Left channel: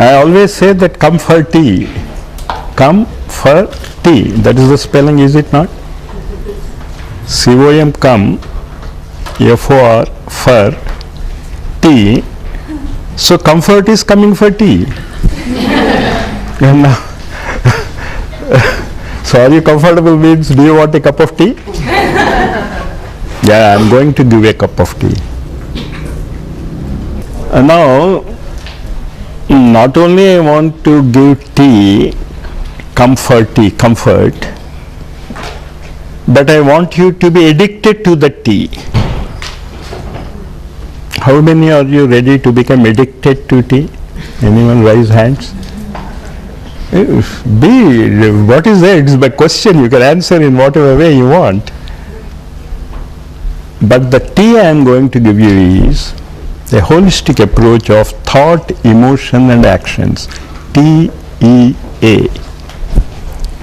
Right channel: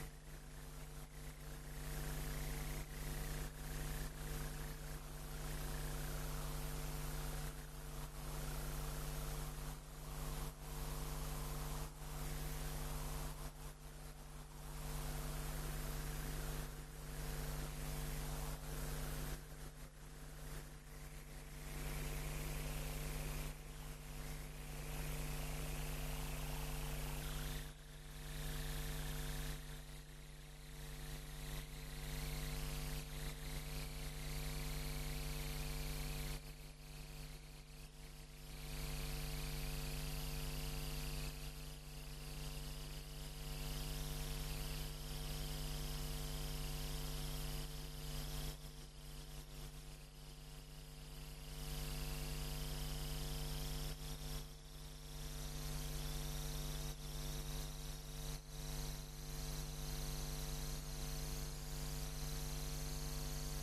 I always say that come for tea. Come for tea. That is the spelling, is it not? C-O-M, come, F-O-R, for, tea. So comfort is coming for tea. And now, so are you comfortable means do you want a cup of tea? Yeah, I'm going to give a cup of tea. And now, not only I want to give tea, comfort, but I want you to be addicted to the tea. How many are you ready to become addicted to tea? Anyone raise hands? What is that? It's my question. You can answer in whatever way you want. But the tea I am going to give you is a holistic approach of thought, emotion and actions. TEA.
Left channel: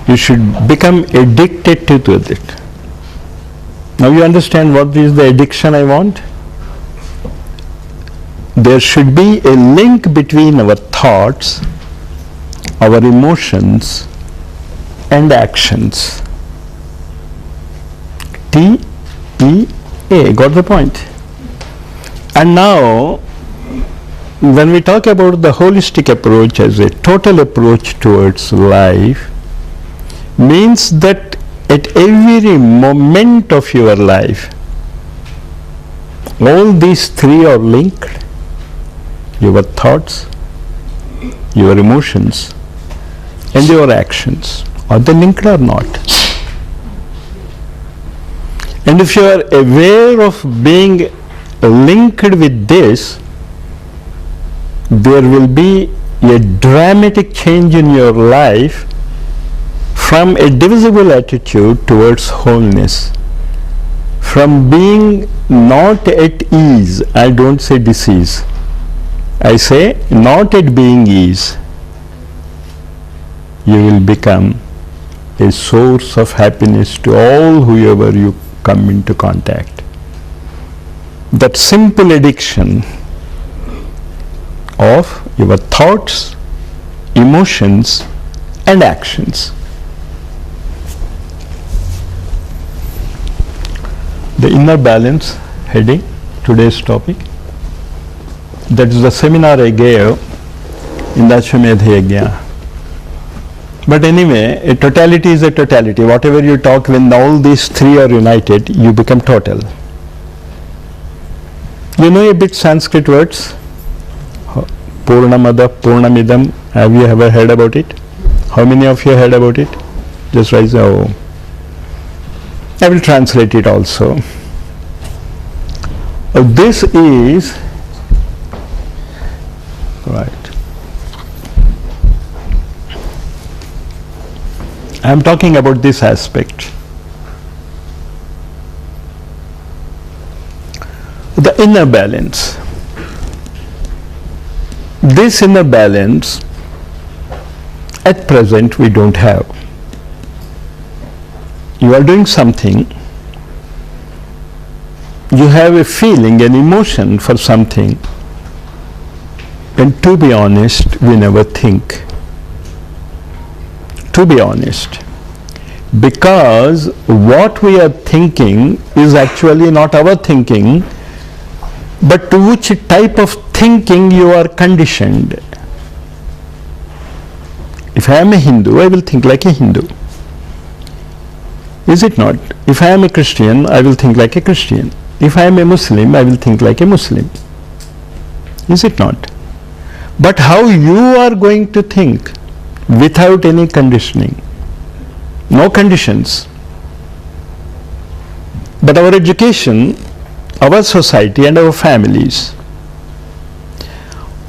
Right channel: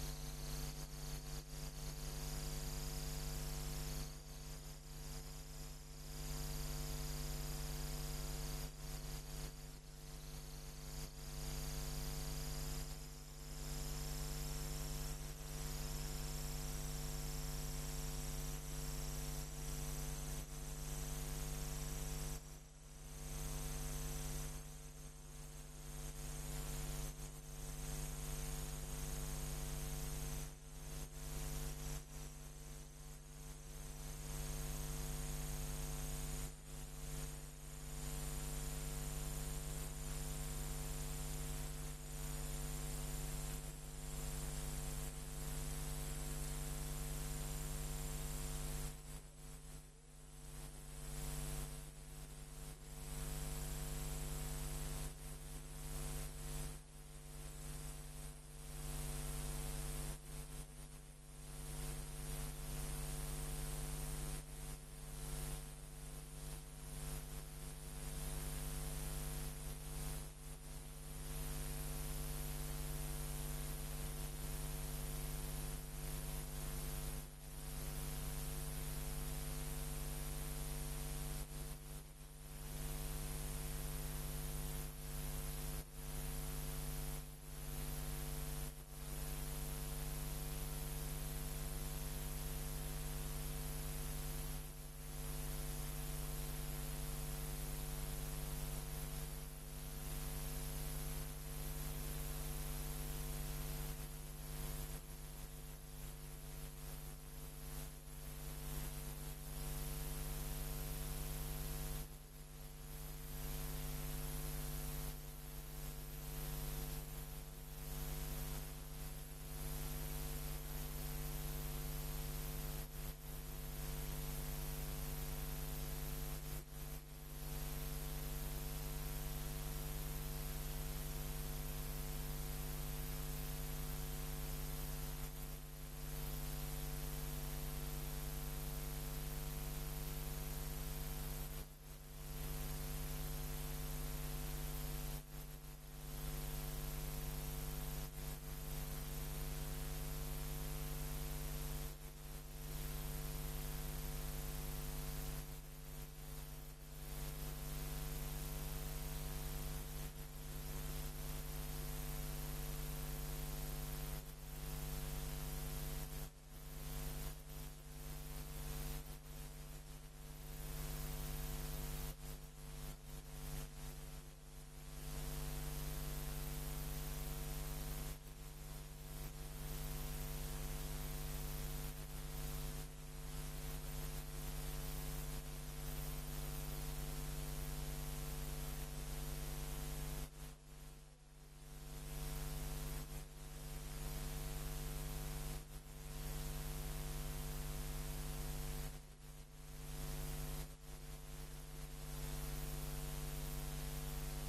You should become addicted to it. Now you understand what is the addiction I want? There should be a link between our thoughts, our emotions and actions. TEA. Got the point? And now, when we talk about the holistic approach as a total approach towards life, means that at every moment of your life, all these three are linked. Your thoughts, your emotions, and your actions. Are they linked or not? And if you are aware of being linked with this, there will be a dramatic change in your life from a divisible attitude towards wholeness. From being not at ease, I don't say disease, I say not at being ease, you will become a source of happiness to all whoever you come into contact. That simple addiction of your thoughts, emotions and actions. The inner balance heading, today's topic. That is the seminar I gave in the Ashwamedha Yajna. But anyway, a totality is a totality. Whatever you talk, when all these three are united, you become total. You know a bit Sanskrit words? Purnamada, Purnamidam. Have you ever heard about it? How many of you heard about it? Just raise your. I will translate it also. This is right. I am talking about this aspect. The inner balance. This inner balance at present we don't have. You are doing something, you have a feeling, an emotion for something, and to be honest, we never think. To be honest. Because what we are thinking is actually not our thinking, but to which type of thinking you are conditioned. If I am a Hindu, I will think like a Hindu. Is it not? If I am a Christian, I will think like a Christian. If I am a Muslim, I will think like a Muslim. Is it not? But how you are going to think without any conditioning, no conditions, But our education, our society and our families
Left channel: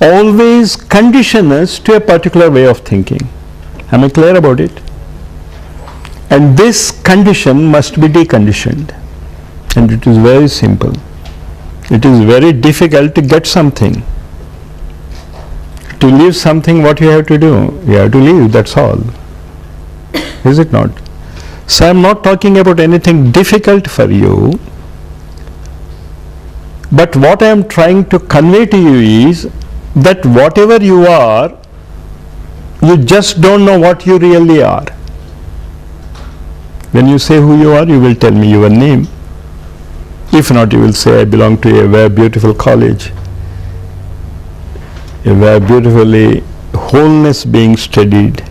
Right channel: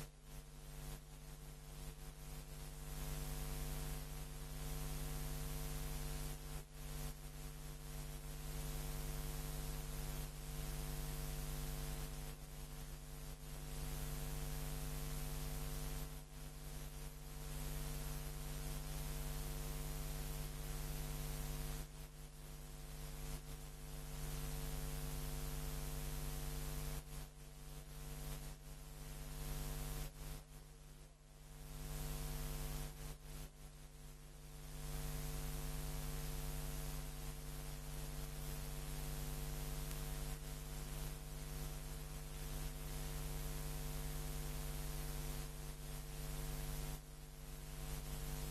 always condition us to a particular way of thinking. Am I clear about it? And this condition must be deconditioned. And it is very simple. It is very difficult to get something. To leave something, what you have to do? You have to leave, that's all. Is it not? So I am not talking about anything difficult for you, but what I am trying to convey to you is that whatever you are, you just don't know what you really are. When you say who you are, you will tell me your name. If not, you will say, I belong to a very beautiful college, a very beautifully wholeness being studied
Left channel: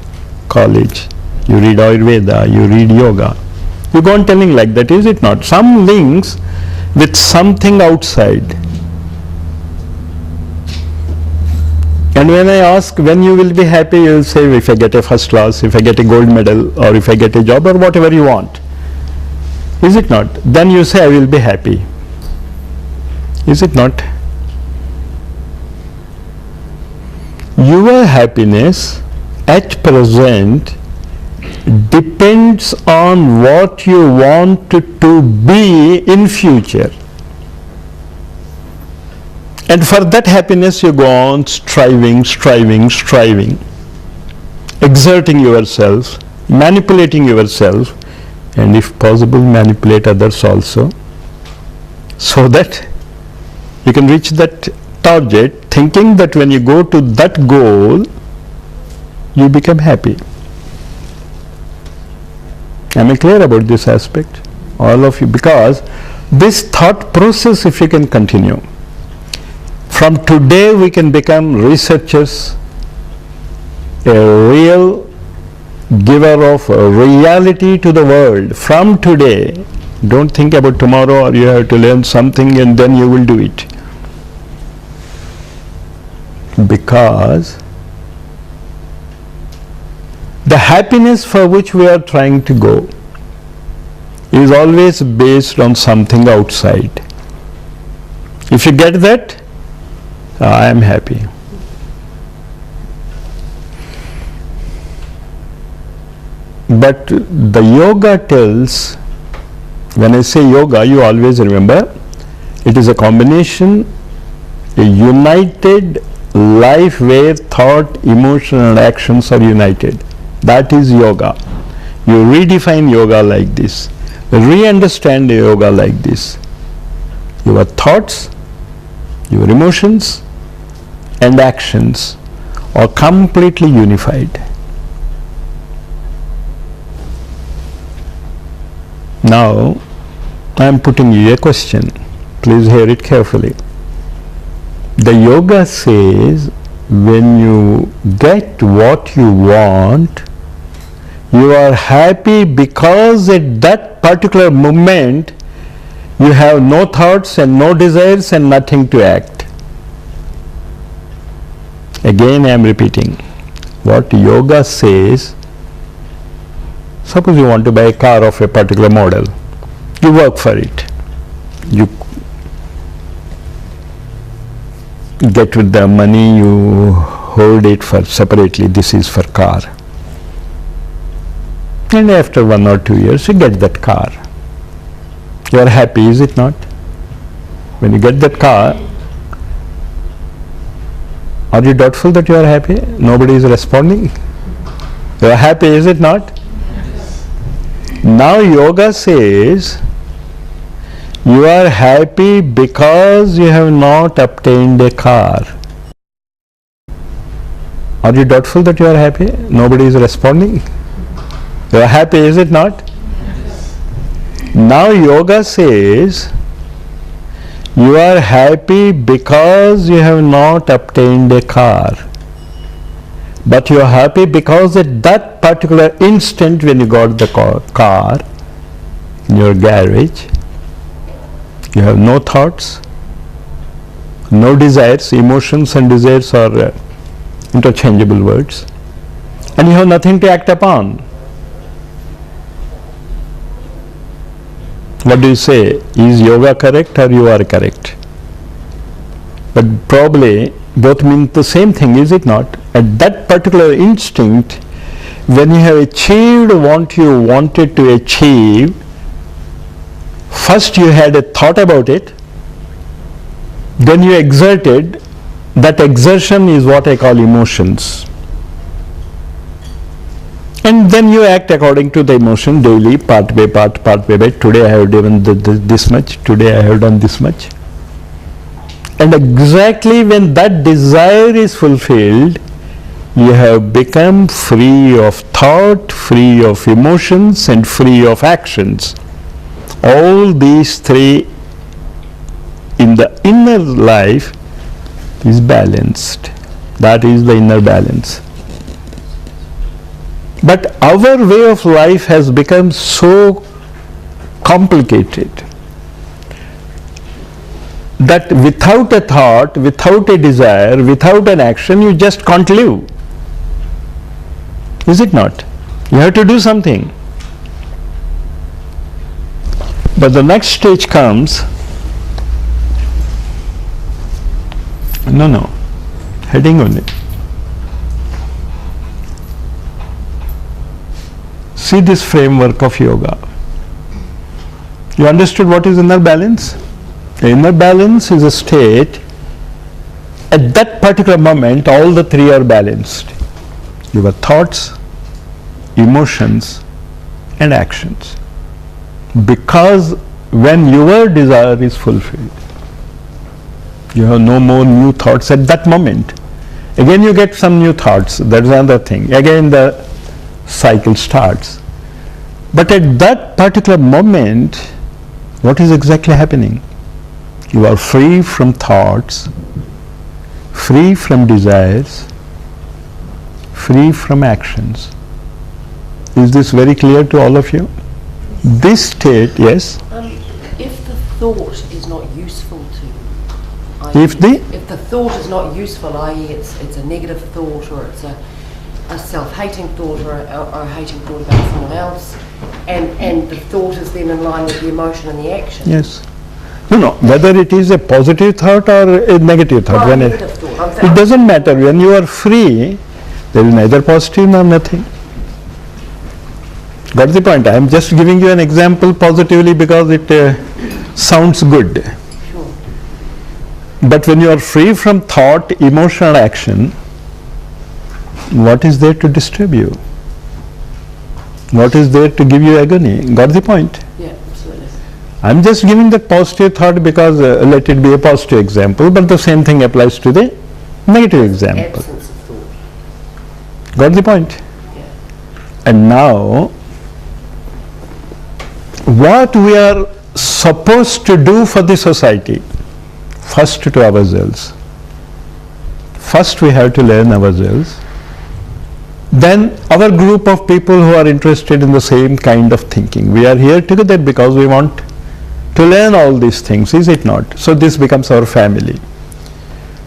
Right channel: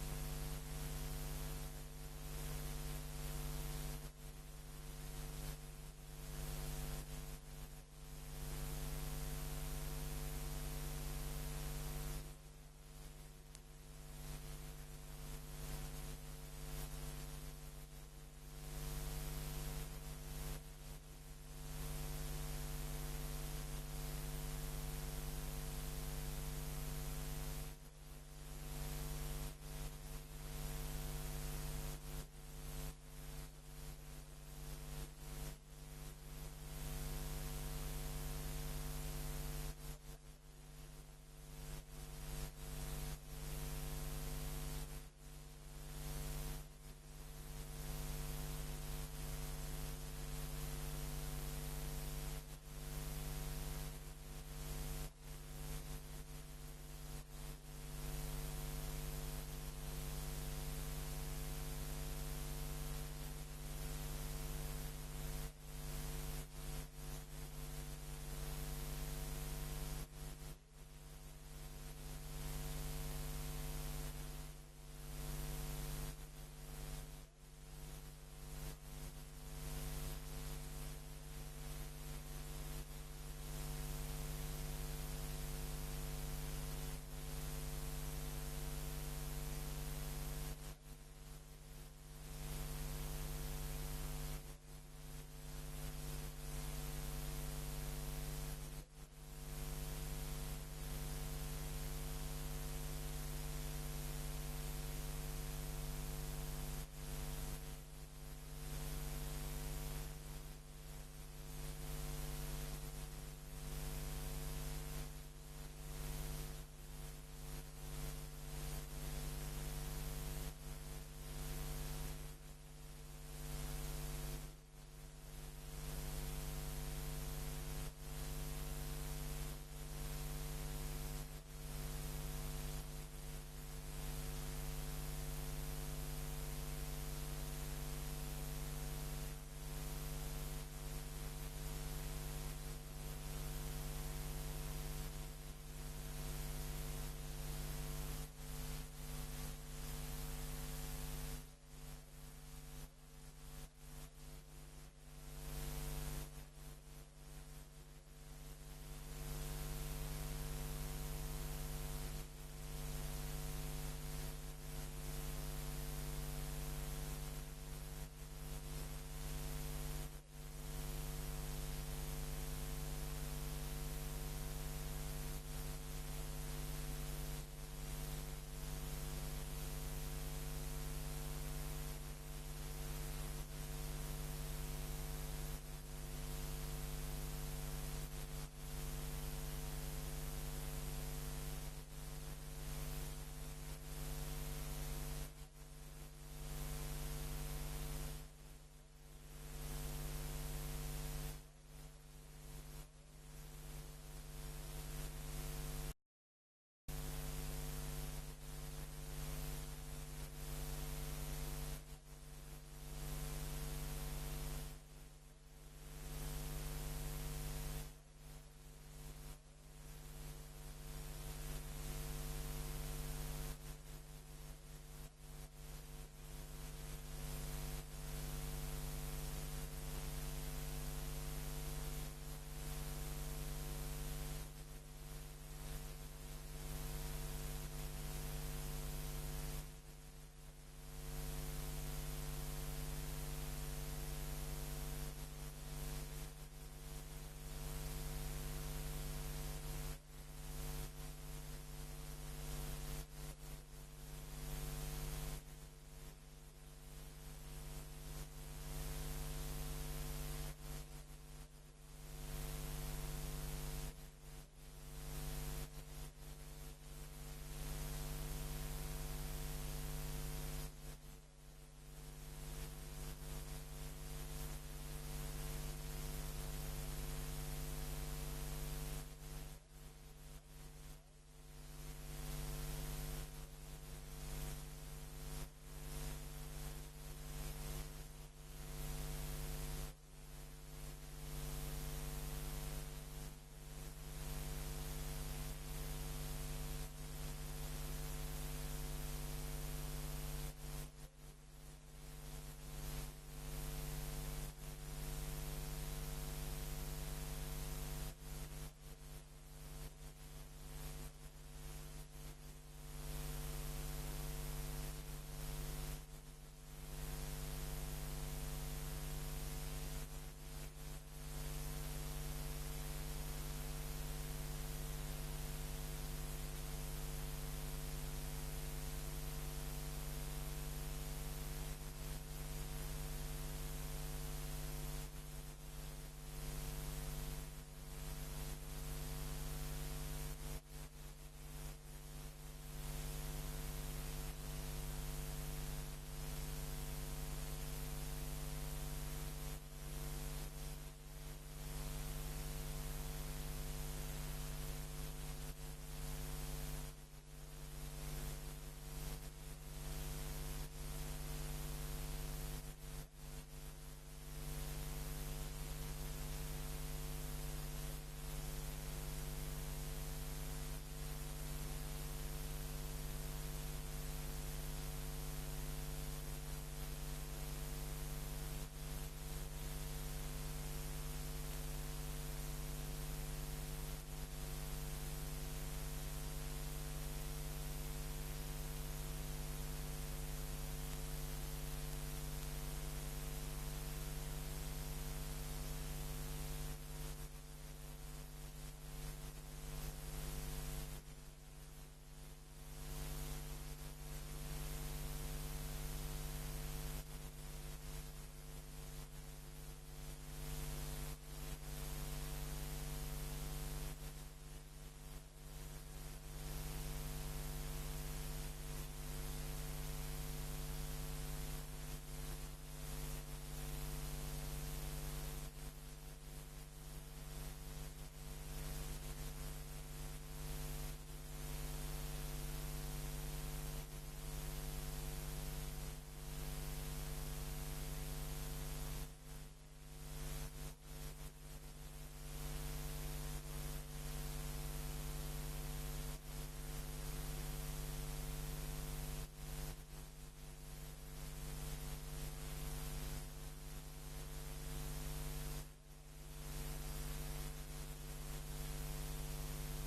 college. You read Ayurveda, you read yoga. You go on telling like that, is it not? Some links with something outside. And when I ask when you will be happy, you will say, if I get a first class, if I get a gold medal, or if I get a job, or whatever you want. Is it not? Then you say, I will be happy. Is it not? Your happiness at present depends on what you want to be in future. And for that happiness you go on striving, exerting yourself, manipulating yourself, and if possible manipulate others also, so that you can reach that target, thinking that when you go to that goal, you become happy. Am I clear about this aspect? All of you, because this thought process, if you can continue, from today we can become researchers, a real giver of reality to the world. From today, don't think about tomorrow or you have to learn something and then you will do it. Because the happiness for which we are trying to go is always based on something outside. If you get that, I am happy. But the yoga tells, when I say yoga, you always remember, it is a combination, a united life where thought, emotion and actions are united. That is yoga. You redefine yoga like this. Re-understand yoga like this. Your thoughts, your emotions and actions are completely unified. Now, I am putting you a question. Please hear it carefully. The yoga says, when you get what you want, you are happy because at that particular moment you have no thoughts and no desires and nothing to act. Again I am repeating. What yoga says, suppose you want to buy a car of a particular model. You work for it. You get with the money, you hold it for separately, this is for car. And after 1 or 2 years, you get that car. You are happy, is it not? When you get that car, are you doubtful that you are happy? Nobody is responding. You are happy, is it not? Now yoga says, you are happy because you have not obtained a car. Are you doubtful that you are happy? Nobody is responding. You are happy, is it not? Now yoga says, you are happy because you have not obtained a car. But you are happy because at that particular instant when you got the car in your garage, you have no thoughts, no desires. Emotions and desires are interchangeable words. And you have nothing to act upon. What do you say? Is yoga correct or you are correct? But probably both mean the same thing, is it not? At that particular instinct, when you have achieved what you wanted to achieve, first you had a thought about it, then you exerted. That exertion is what I call emotions. And then you act according to the emotion daily, part by part by. Today I have done this much, today I have done this much. And exactly when that desire is fulfilled, you have become free of thought, free of emotions, and free of actions. All these three in the inner life is balanced. That is the inner balance. But our way of life has become so complicated that without a thought, without a desire, without an action, you just can't live. Is it not? You have to do something. But the next stage comes, heading on it. See this framework of yoga. You understood what is inner balance? The inner balance is a state, at that particular moment all the three are balanced. Your thoughts, emotions and actions. Because when your desire is fulfilled, you have no more new thoughts at that moment. Again you get some new thoughts, that's another thing. Again the cycle starts. But at that particular moment, what is exactly happening? You are free from thoughts, free from desires, free from actions. Is this very clear to all of you? This state, yes? If the thought is not useful to you, If the thought is not useful, i.e. it's a negative thought, or it's a self-hating thought, or a hating thought about someone else, and the thought is then in line with the emotion and the action. yes. No, whether it is a positive thought or a negative thought. Well, When negative thought. it doesn't matter. When you are free, there is neither positive nor nothing. Got the point? I am just giving you an example positively because it sounds good. Sure. But when you are free from thought, emotion and action, what is there to disturb you? What is there to give you agony? Got the point? Yeah, absolutely. I am just giving the positive thought because let it be a positive example, but the same thing applies to the negative example. Absence of thought. Got the point? Yeah. And now, what we are supposed to do for the society, first to ourselves. First we have to learn ourselves. Then our group of people who are interested in the same kind of thinking. We are here together because we want to learn all these things, is it not? So this becomes our family.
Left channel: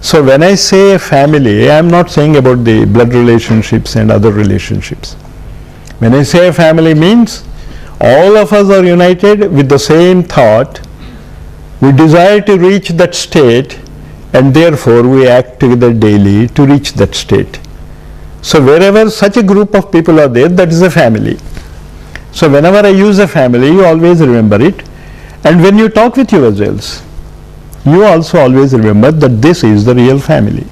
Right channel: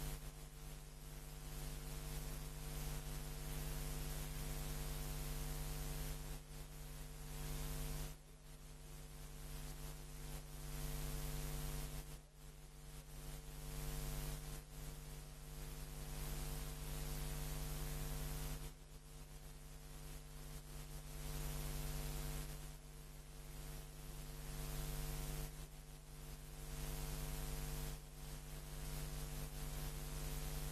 So when I say a family, I am not saying about the blood relationships and other relationships. When I say a family means all of us are united with the same thought. We desire to reach that state, and therefore we act together daily to reach that state. So wherever such a group of people are there, that is a family. So whenever I use a family, you always remember it. And when you talk with yourselves, you also always remember that this is the real family.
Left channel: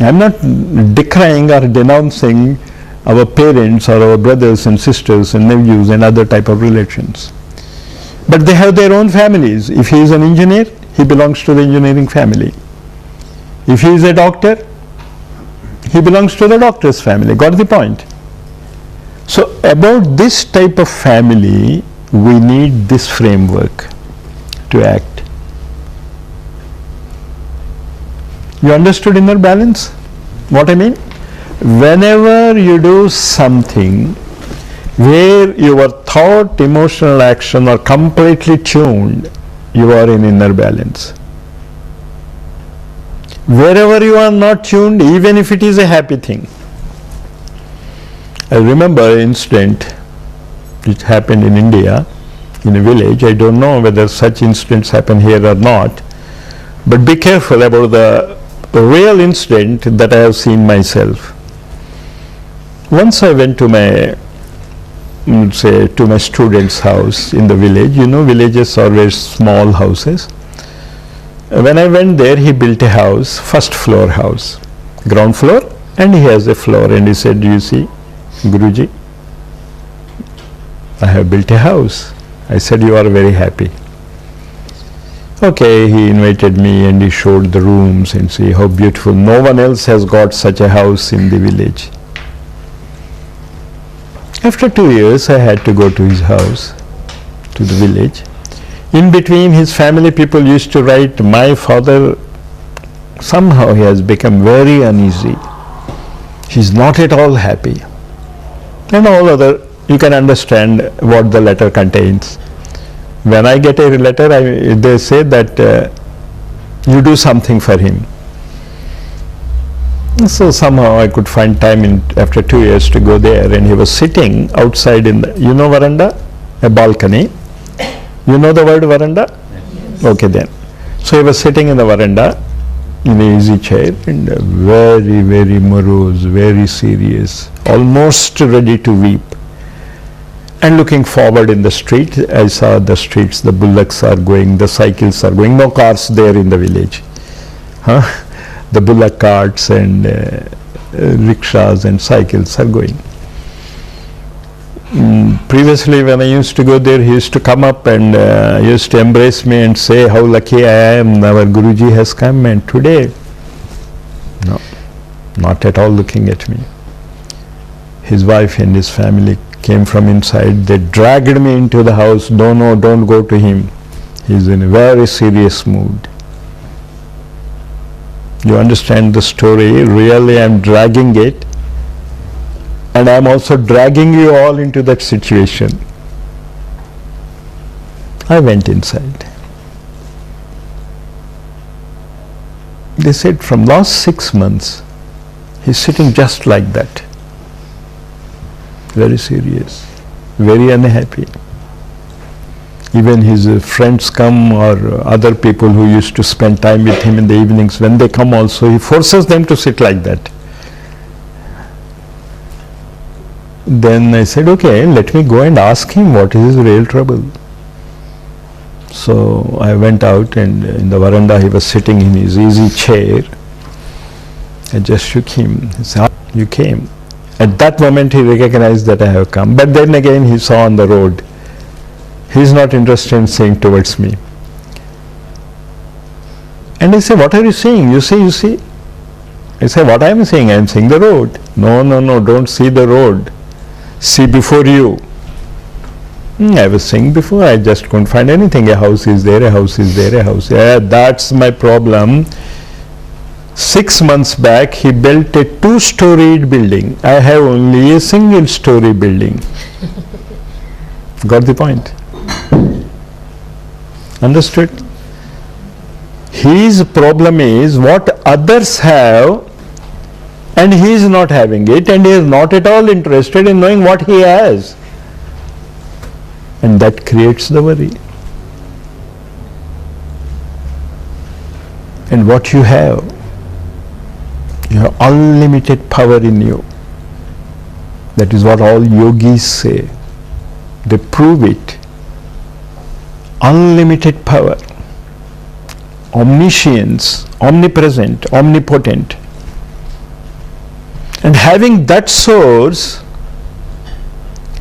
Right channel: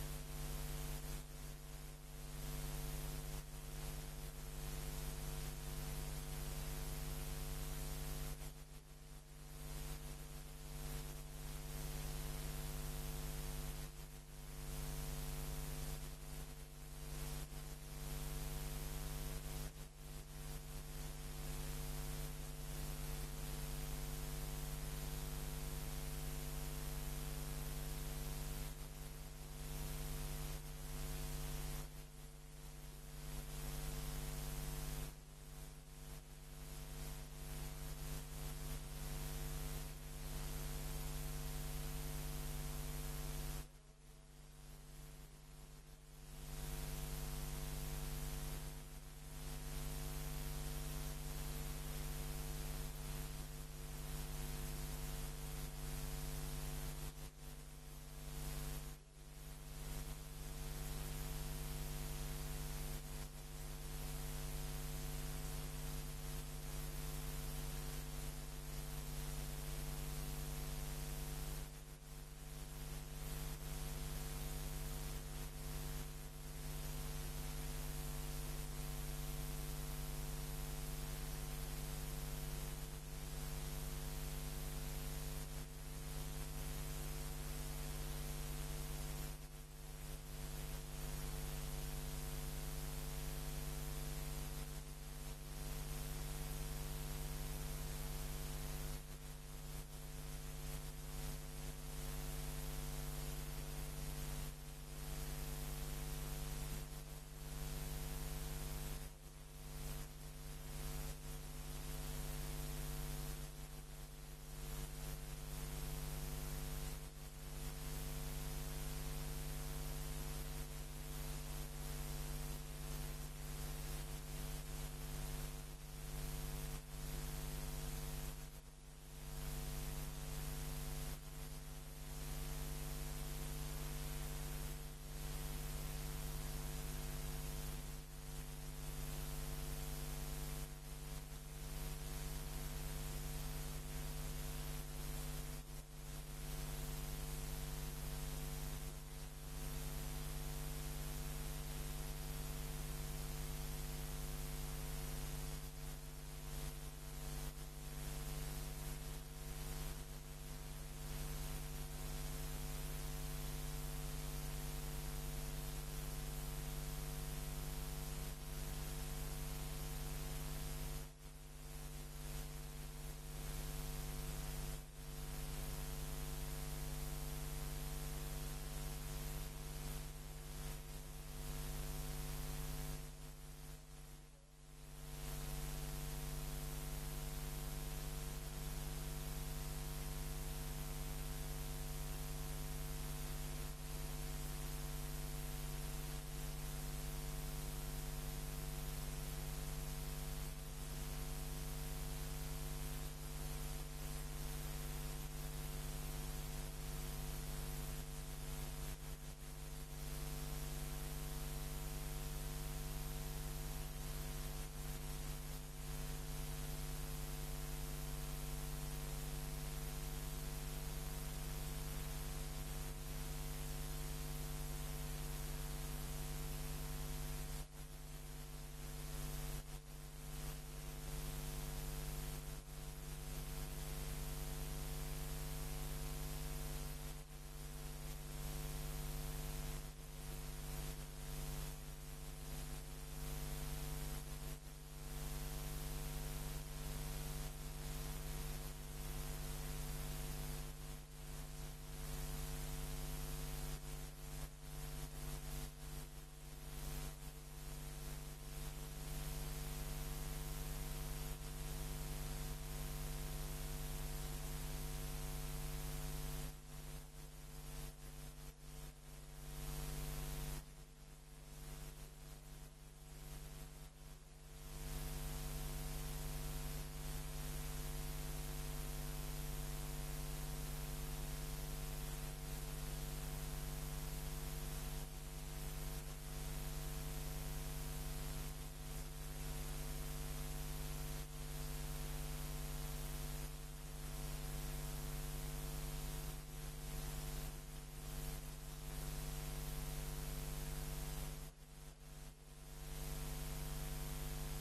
I am not decrying or denouncing our parents or our brothers and sisters and nephews and other type of relations. But they have their own families. If he is an engineer, he belongs to the engineering family. If he is a doctor, he belongs to the doctor's family. Got the point? So about this type of family, we need this framework to act. You understood inner balance? What I mean? Whenever you do something where your thought, emotional action are completely tuned, you are in inner balance. Wherever you are not tuned, even if it is a happy thing. I remember an incident It happened in India, in a village. I don't know whether such incidents happen here or not, but be careful about the real incident that I have seen myself. Once I went to my, to my student's house in the village. You know, villages are very small houses. When I went there, he built a house, first floor house, ground floor, and he has a floor, and he said, "You see, Guruji, I have built a house." I said, "You are very happy." Okay, he invited me and he showed the rooms and see how beautiful. No one else has got such a house in the village. After 2 years, I had to go to his house, to the village. In between, his family people used to write, "My father, somehow he has become very uneasy. He's not at all happy." And all other, you can understand what the letter contains. When I get a letter, they say that you do something for him. So somehow I could find time after 2 years to go there, and he was sitting outside in the, you know, veranda, a balcony. You know the word veranda? Yes. Okay then. So he was sitting in the veranda in an easy chair and very, very morose, very serious, almost ready to weep. And looking forward in the street, I saw the streets, the bullocks are going, the cycles are going, no cars there in the village. Huh? The bullock carts and rickshaws and cycles are going. Previously, when I used to go there, he used to come up and used to embrace me and say how lucky I am, our Guruji has come. And today, no, not at all looking at me. His wife and his family came from inside. They dragged me into the house. No, don't go to him. He's in a very serious mood. You understand the story? Really, I'm dragging it. And I'm also dragging you all into that situation. I went inside. They said from last 6 months, he's sitting just like that. Very serious, very unhappy. Even his friends come, or other people who used to spend time with him in the evenings, when they come also, he forces them to sit like that. Then I said, okay, let me go and ask him what is his real trouble. So I went out, and in the veranda he was sitting in his easy chair. I just shook him. He said, "Ah, you came." At that moment he recognized that I have come. But then again he saw on the road. He is not interested in seeing towards me. And I say, "What are you seeing?" "You see. I say, "What I am seeing? I am seeing the road." No, don't see the road. See before you. I was saying before, I just couldn't find anything. A house is there, a house is there, a house. Yeah, that's my problem. 6 months back, he built a 2-storied building. I have only a single-story building. Got the point? Understood? His problem is what others have, and he is not having it, and he is not at all interested in knowing what he has. And that creates the worry. And what you have unlimited power in you. That is what all yogis say. They prove it. Unlimited power, omniscience, omnipresent, omnipotent. And having that source,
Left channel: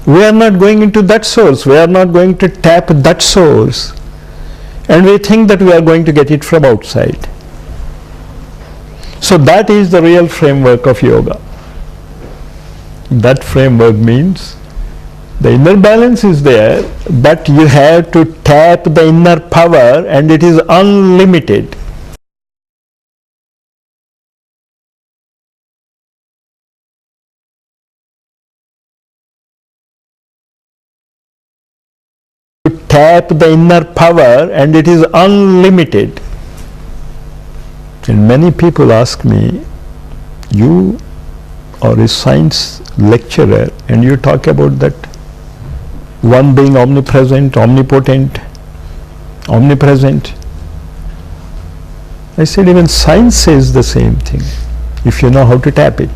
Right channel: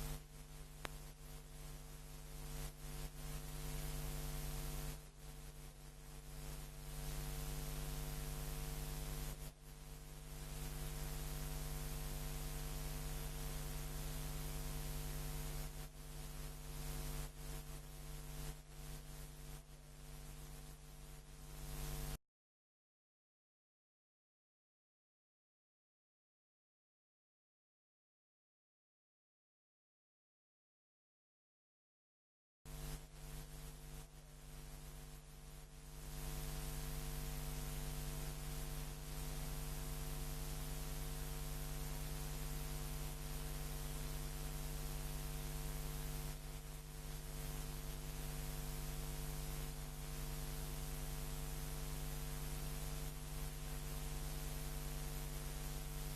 we are not going into that source. We are not going to tap that source. And we think that we are going to get it from outside. So that is the real framework of yoga. That framework means the inner balance is there, but you have to tap the inner power, and it is unlimited. To tap the inner power, and it is unlimited. And many people ask me, you are a science lecturer and you talk about that one being omnipresent, omnipotent, omnipresent. I said even science says the same thing, if you know how to tap it.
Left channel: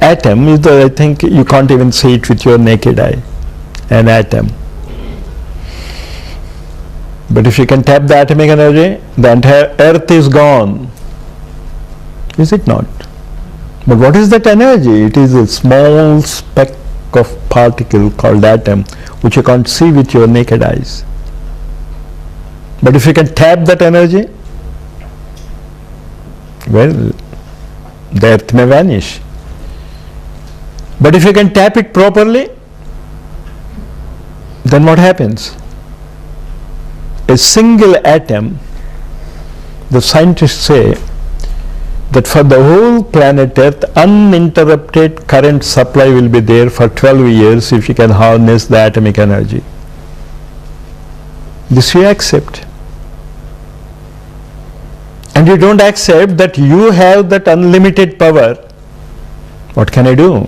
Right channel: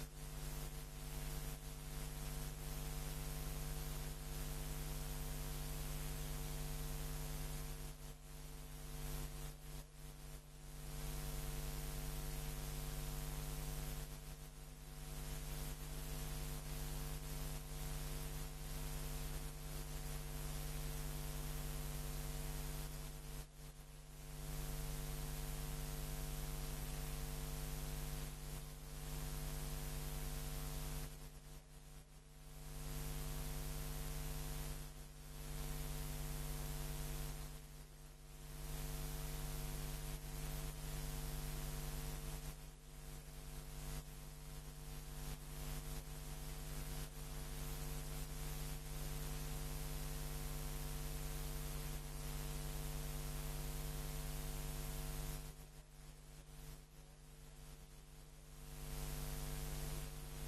Atom is I think you can't even see it with your naked eye, an atom. But if you can tap the atomic energy, the entire earth is gone. Is it not? But what is that energy? It is a small speck of particle called atom, which you can't see with your naked eyes. But if you can tap that energy, well, the earth may vanish. But if you can tap it properly, then what happens? A single atom, the scientists say that for the whole planet Earth, uninterrupted current supply will be there for 12 years if you can harness the atomic energy. This you accept. And you don't accept that you have that unlimited power. What can I do?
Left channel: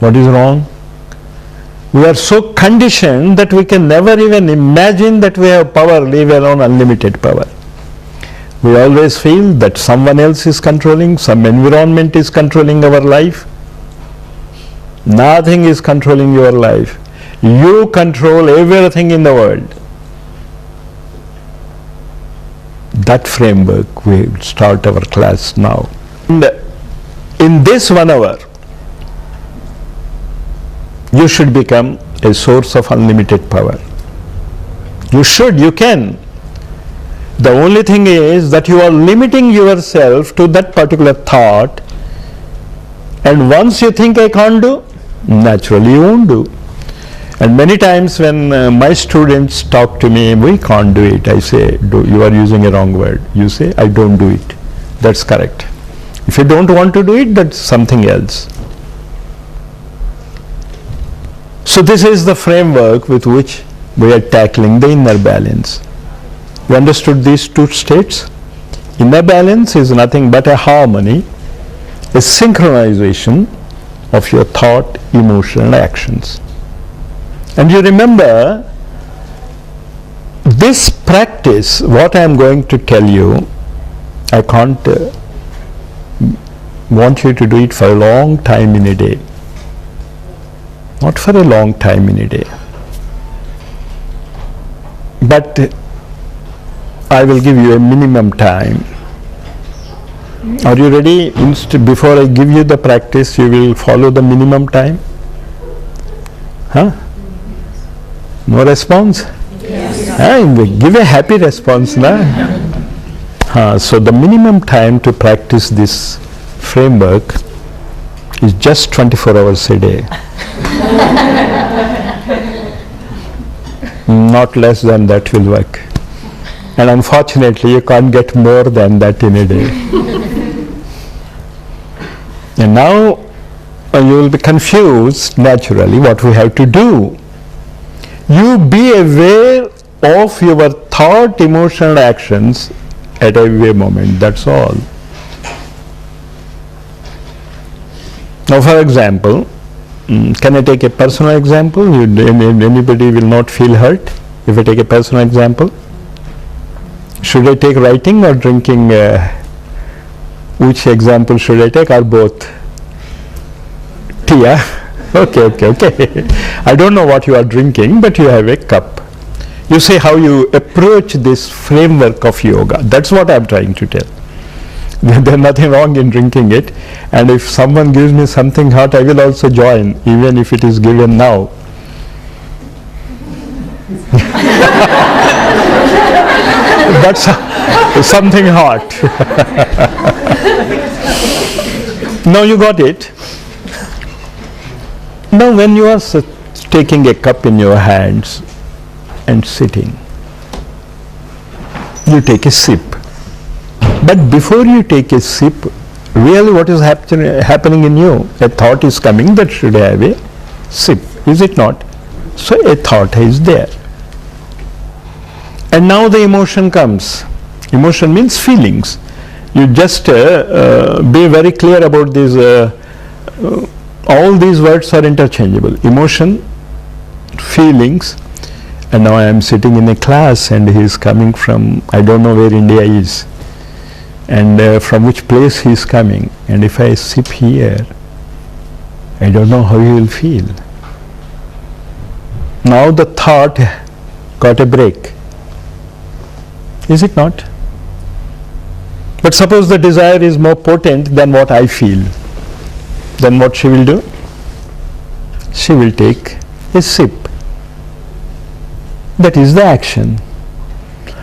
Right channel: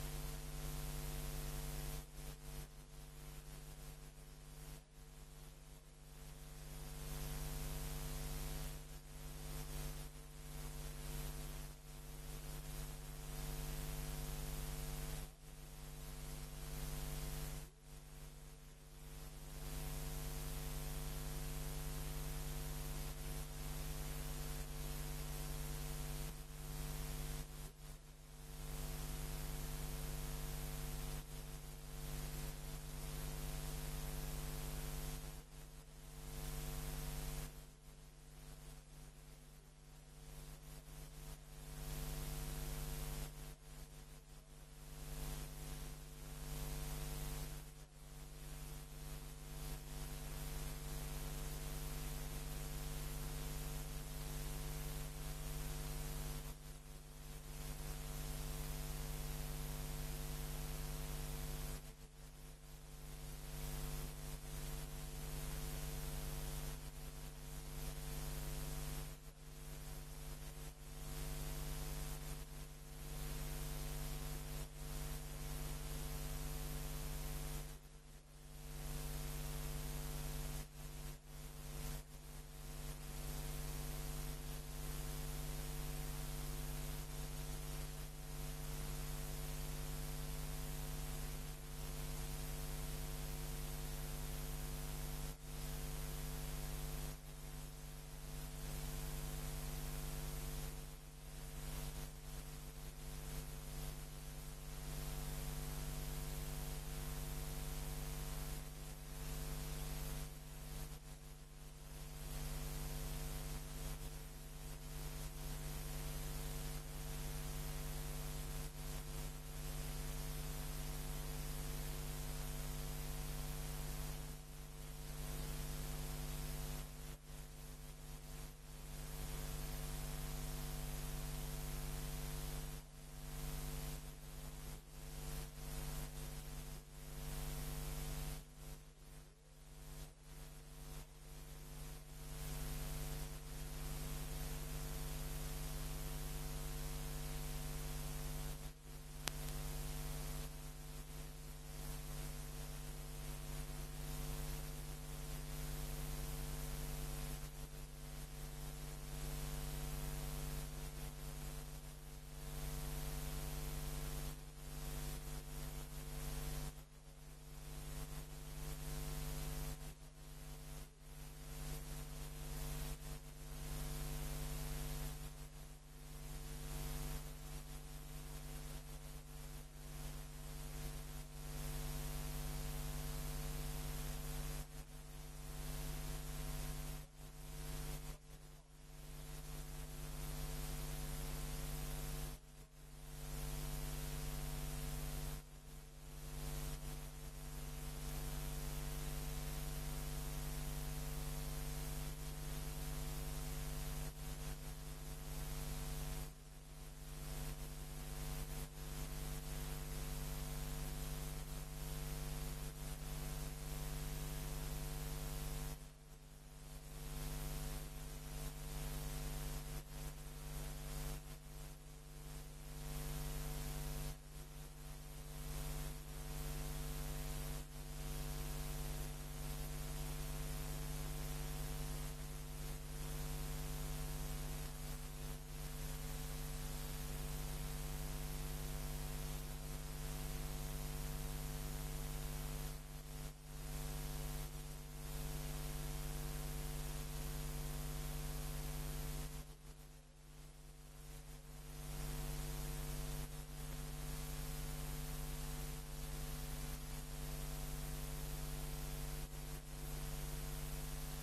What is wrong? We are so conditioned that we can never even imagine that we have power, leave alone unlimited power. We always feel that someone else is controlling, some environment is controlling our life. Nothing is controlling your life. You control everything in the world. That framework, we start our class now. And in this 1 hour, you should become a source of unlimited power. You should, you can. The only thing is that you are limiting yourself to that particular thought, and once you think I can't do, naturally you won't do. And many times when my students talk to me, we can't do it, I say, you are using a wrong word. You say, I don't do it. That's correct. If you don't want to do it, that's something else. So this is the framework with which we are tackling the inner balance. You understood these two states? Inner balance is nothing but a harmony, a synchronization of your thought, emotion and actions. And you remember, this practice, what I am going to tell you, I can't want you to do it for a long time in a day. Not for a long time in a day. But I will give you a minimum time. Are you ready? Before I give you the practice, you will follow the minimum time? Huh? No response? Yes. Give a happy response, na? So the minimum time to practice this framework is just 24 hours a day. Not less than that will work. And unfortunately, you can't get more than that in a day. And now you will be confused naturally what we have to do. You be aware of your thought, emotion and actions at every moment, that's all. Now for example, can I take a personal example? Anybody will not feel hurt if I take a personal example? Should I take writing or drinking? Which example should I take, or both? Tea, yeah? Okay. I don't know what you are drinking, but you have a cup. You see how you approach this framework of yoga. That's what I'm trying to tell. There's nothing wrong in drinking it, and if someone gives me something hot, I will also join, even if it is given now. That's something hot. Now you got it. Now when you are taking a cup in your hands and sitting, you take a sip. But before you take a sip, really what is happening in you? A thought is coming that should have a sip, is it not? So a thought is there. And now the emotion comes. Emotion means feelings. You just be very clear about these All these words are interchangeable. Emotion, feelings, and now I am sitting in a class and he is coming from, I don't know where India is, and from which place he is coming, and if I sit here, I don't know how he will feel. Now the thought got a break. Is it not? But suppose the desire is more potent than what I feel. Then what she will do? She will take a sip. That is the action.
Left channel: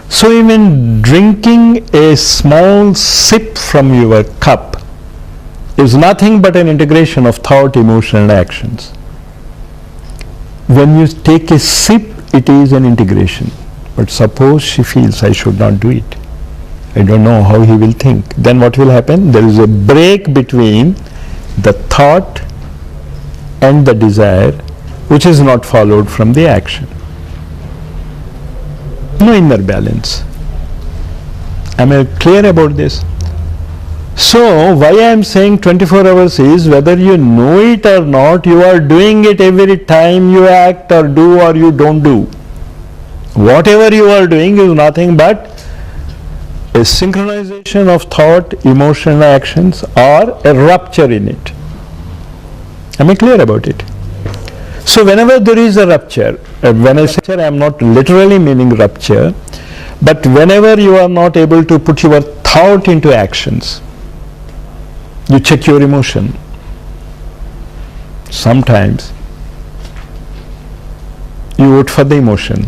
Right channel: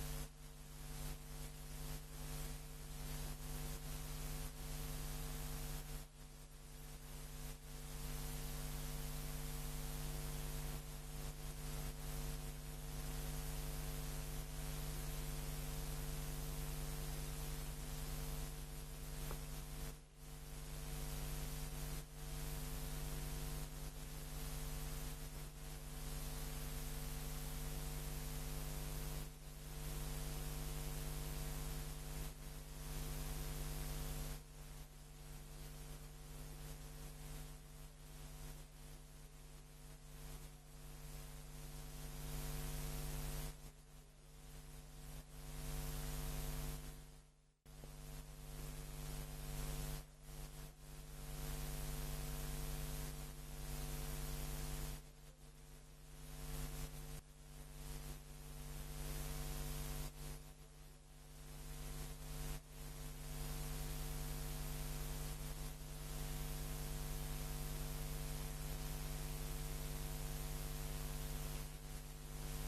So even drinking a small sip from your cup is nothing but an integration of thought, emotion and actions. When you take a sip, it is an integration. But suppose she feels, I should not do it. I don't know how he will think. Then what will happen? There is a break between the thought and the desire, which is not followed from the action. No inner balance. Am I clear about this? So why I am saying 24 hours is, whether you know it or not, you are doing it every time you act or do or you don't do. Whatever you are doing is nothing but a synchronization of thought, emotion and actions, or a rupture in it. Am I clear about it? So whenever there is a rupture, when I say rupture, I am not literally meaning rupture, but whenever you are not able to put your thought into actions, you check your emotion. Sometimes you vote for the emotion.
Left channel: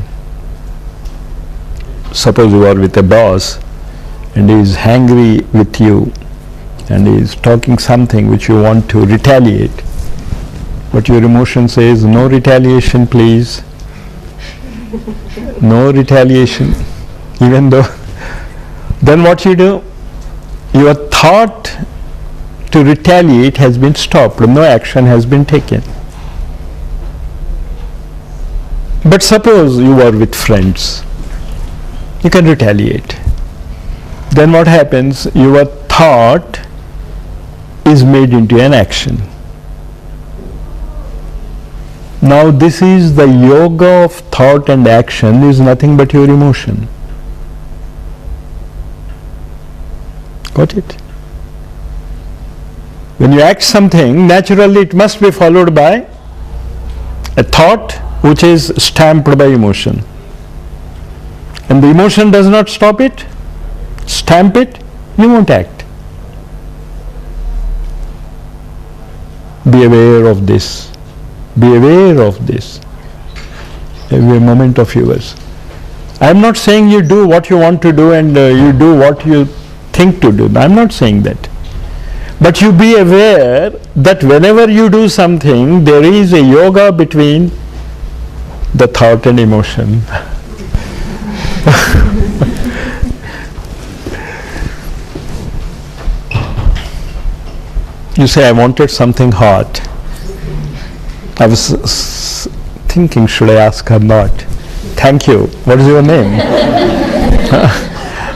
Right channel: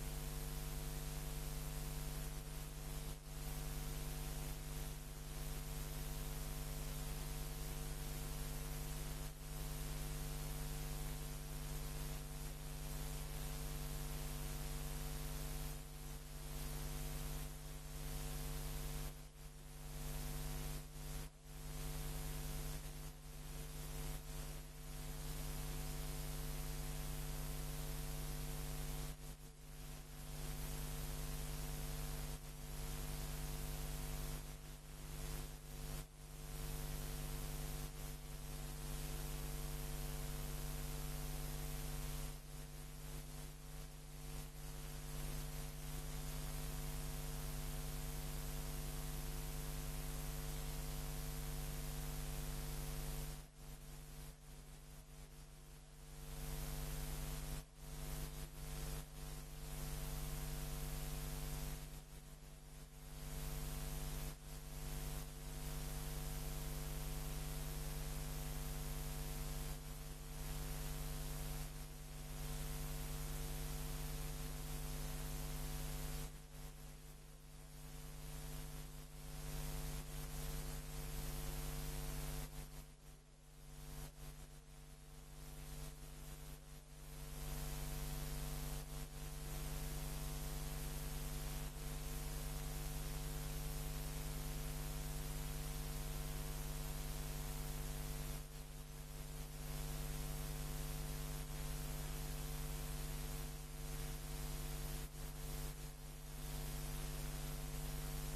Suppose you are with a boss and he is angry with you and he is talking something which you want to retaliate, but your emotion says, no retaliation please, no retaliation, even though, then what you do? Your thought to retaliate has been stopped, no action has been taken. But suppose you are with friends, you can retaliate. Then what happens? Your thought is made into an action. Now this is the yoga of thought and action, is nothing but your emotion. Got it? When you act something, naturally it must be followed by a thought which is stamped by emotion. And the emotion does not stop it, stamp it, you won't act. Be aware of this. Be aware of this. Every moment of yours. I am not saying you do what you want to do and you do what you think to do. I am not saying that. But you be aware that whenever you do something, there is a yoga between the thought and emotion. You say, I wanted something hot. I was thinking, should I ask her not? Thank you. What is your name?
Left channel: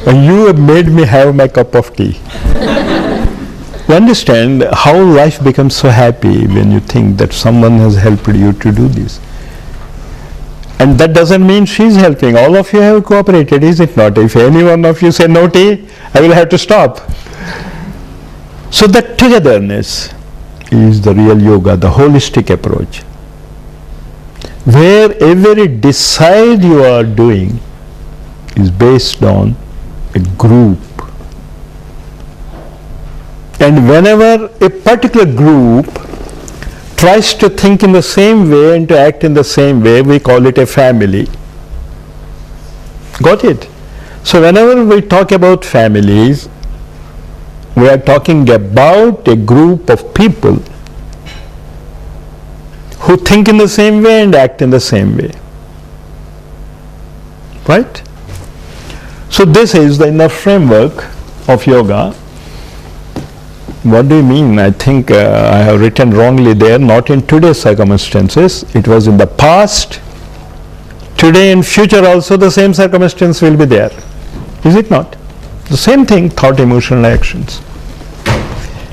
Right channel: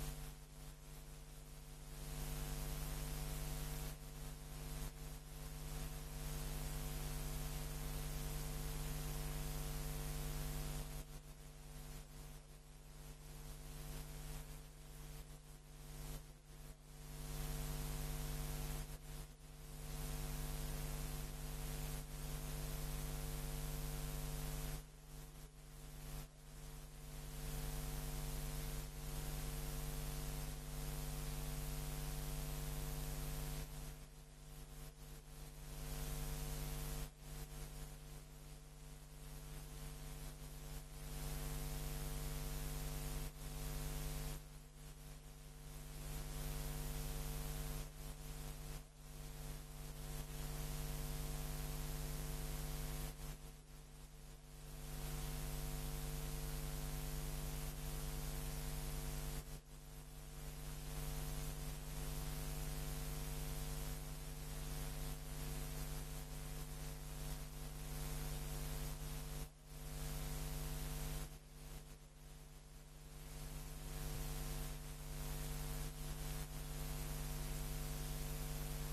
You have made me have my cup of tea. You understand how life becomes so happy when you think that someone has helped you to do this. And that doesn't mean she's helping. All of you have cooperated, is it not? If any one of you say no tea, I will have to stop. So that togetherness is the real yoga, the holistic approach, where every decide you are doing is based on a group. And whenever a particular group tries to think in the same way and to act in the same way, we call it a family. Got it? So whenever we talk about families, we are talking about a group of people who think in the same way and act in the same way. Right? So this is the inner framework of yoga. What do you mean? I think I have written wrongly there. Not in today's circumstances. It was in the past. Today and future also the same circumstance will be there. Is it not? The same thing, thought, emotion, actions.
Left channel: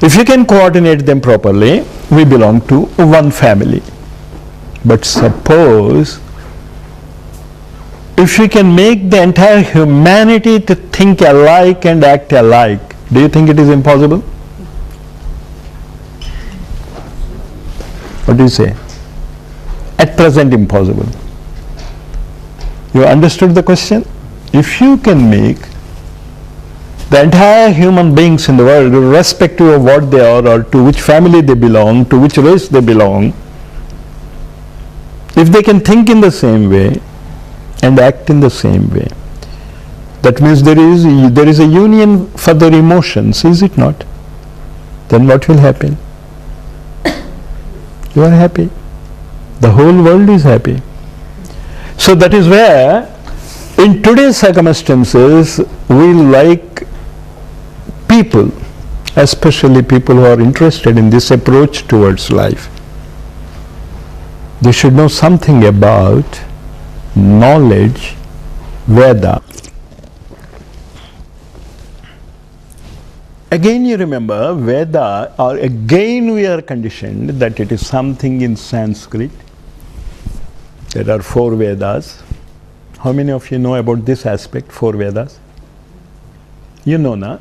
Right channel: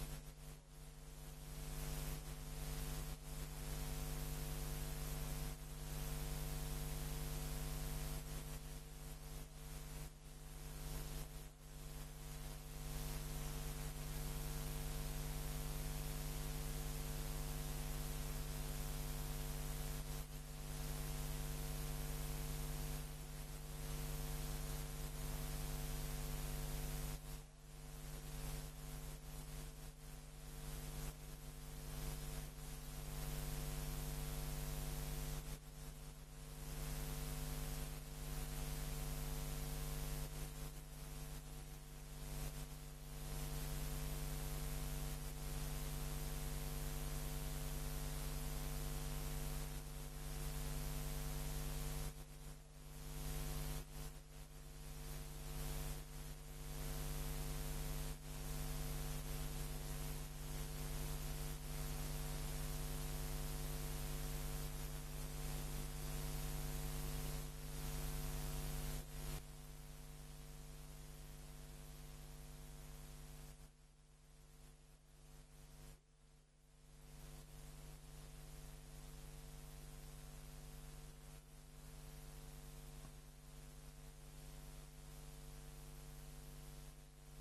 If you can coordinate them properly, we belong to one family. But suppose if we can make the entire humanity to think alike and act alike, do you think it is impossible? What do you say? At present, impossible. You understood the question? If you can make the entire human beings in the world, irrespective of what they are or to which family they belong, to which race they belong, if they can think in the same way and act in the same way, that means there is a union for their emotions, is it not? Then what will happen? You are happy. The whole world is happy. So that is where, in today's circumstances, we like people, especially people who are interested in this approach towards life. They should know something about knowledge, Veda. Again you remember, Veda, or again we are conditioned that it is something in Sanskrit. There are 4 Vedas. How many of you know about this aspect, 4 Vedas? You know, na?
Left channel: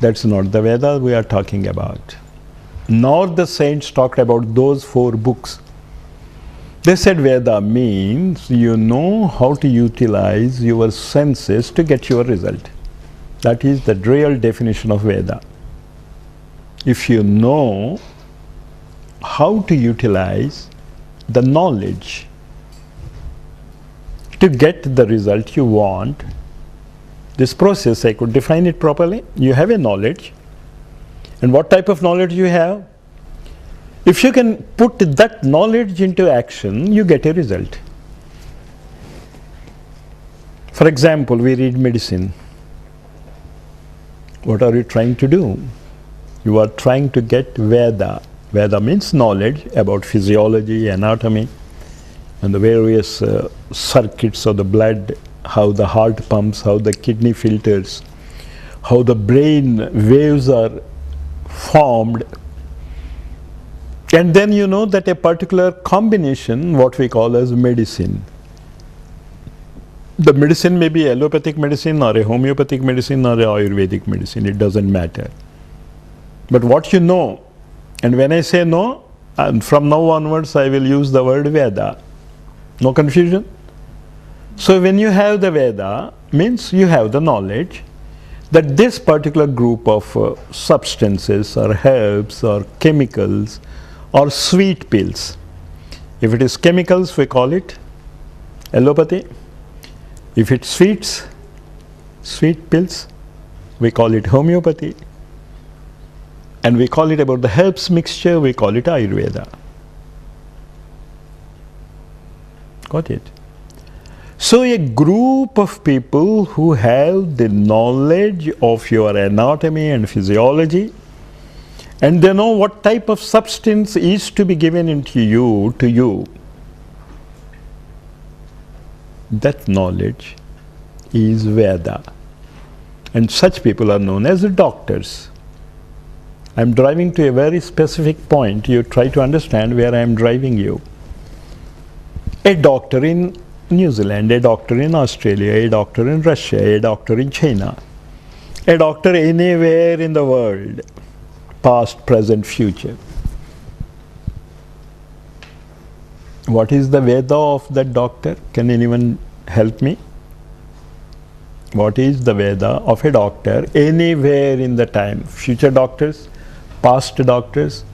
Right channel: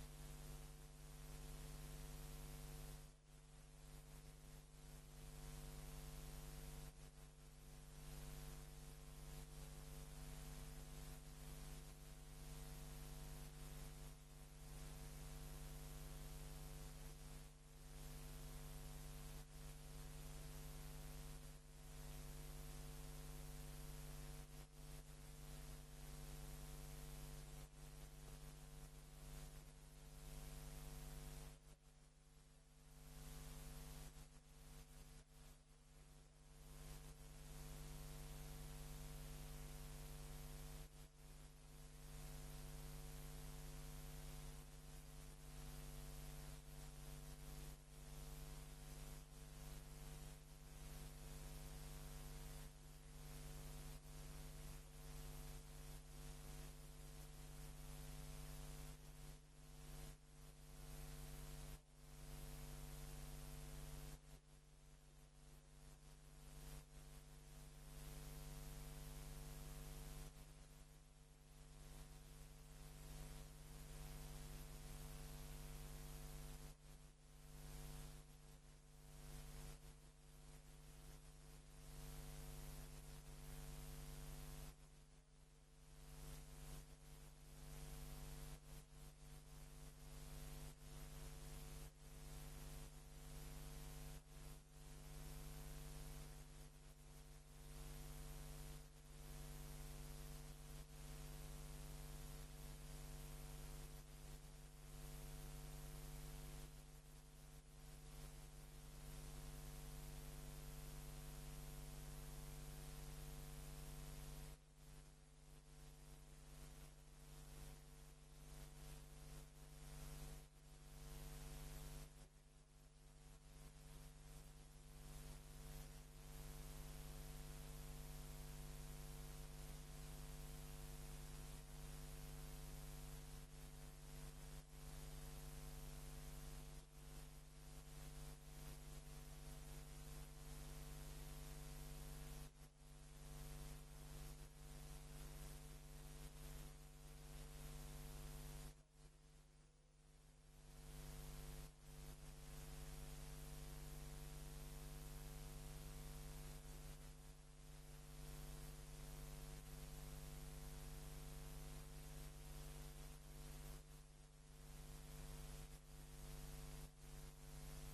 That's not the Veda we are talking about. Nor the saints talked about those 4 books. They said Veda means you know how to utilize your senses to get your result. That is the real definition of Veda. If you know how to utilize the knowledge to get the result you want, this process, I could define it properly. You have a knowledge, and what type of knowledge you have? If you can put that knowledge into action, you get a result. For example, we read medicine. What are you trying to do? You are trying to get Veda. Veda means knowledge about physiology, anatomy, and the various circuits of the blood, how the heart pumps, how the kidney filters, how the brain waves are formed. And then you know that a particular combination, what we call as medicine. The medicine may be allopathic medicine or a homeopathic medicine or a Ayurvedic medicine, it doesn't matter. But what you know, and when I say no, and from now onwards I will use the word Veda. No confusion? So when you have the Veda, means you have the knowledge that this particular group of substances or herbs or chemicals or sweet pills. If it is chemicals, we call it allopathy. If it's sweet pills, we call it homeopathy. And we call it about the herbs mixture, we call it Ayurveda. Got it? So a group of people who have the knowledge of your anatomy and physiology, and they know what type of substance is to be given into you, to you. That knowledge is Veda. And such people are known as doctors. I am driving to a very specific point. You try to understand where I am driving you. A doctor in New Zealand, a doctor in Australia, a doctor in Russia, a doctor in China, a doctor anywhere in the world, past, present, future. What is the Veda of that doctor? Can anyone help me? What is the Veda of a doctor anywhere in the time? Future doctors, past doctors,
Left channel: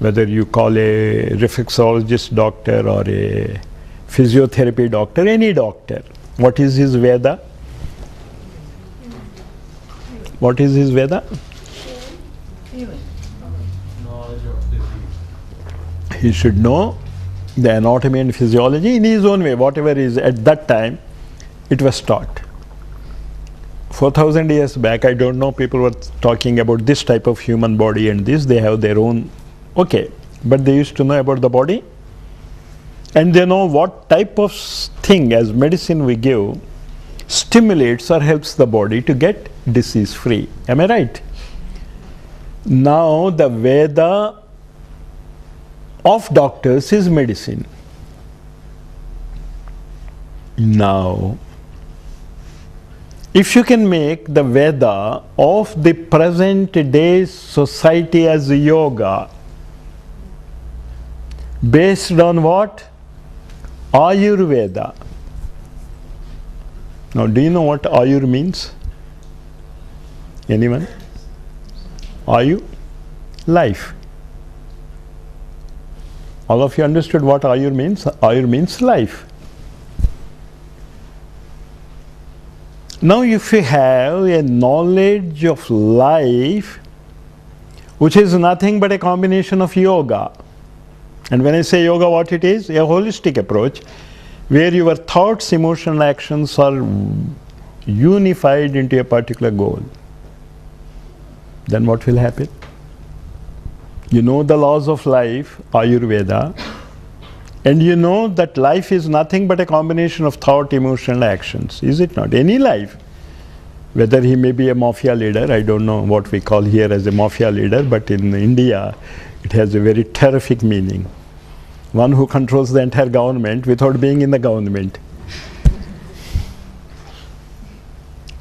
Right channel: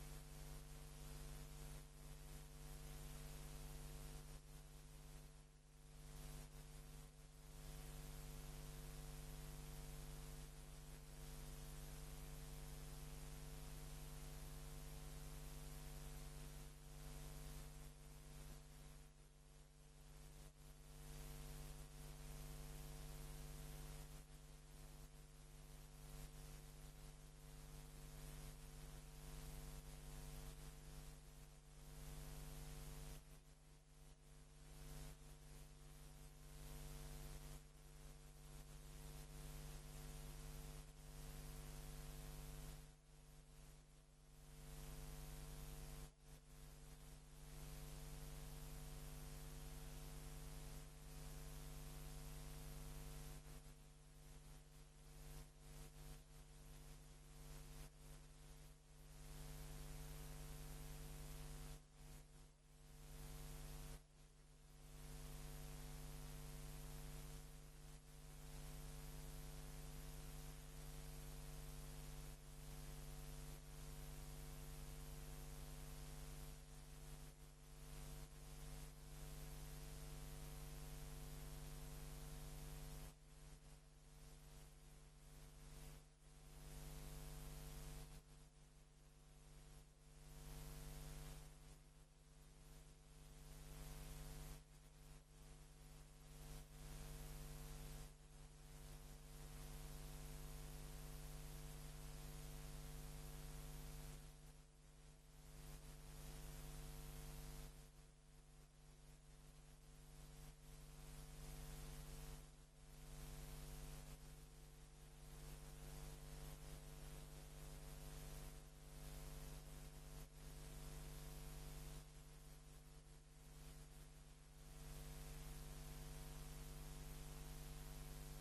whether you call a reflexologist doctor or a physiotherapy doctor, any doctor. What is his Veda? What is his Veda? He should know the anatomy and physiology in his own way, whatever is at that time it was taught. 4,000 years back, I don't know, people were talking about this type of human body and this, they have their own, okay, but they used to know about the body, and they know what type of thing as medicine we give stimulates or helps the body to get disease free. Am I right? Now the Veda of doctors is medicine. Now, if you can make the Veda of the present day society as yoga, based on what? Ayurveda. Now, do you know what Ayur means? Anyone? Ayu? Life. All of you understood what Ayur means? Ayur means life. Now, if you have a knowledge of life, which is nothing but a combination of yoga, and when I say yoga, what it is? A holistic approach where your thoughts, emotions, actions are unified into a particular goal. Then what will happen? You know the laws of life, Ayurveda, and you know that life is nothing but a combination of thought, emotion, actions. Is it not? Any life. Whether he may be a mafia leader, I don't know what we call here as a mafia leader, but in India, it has a very terrific meaning. One who controls the entire government without being in the government.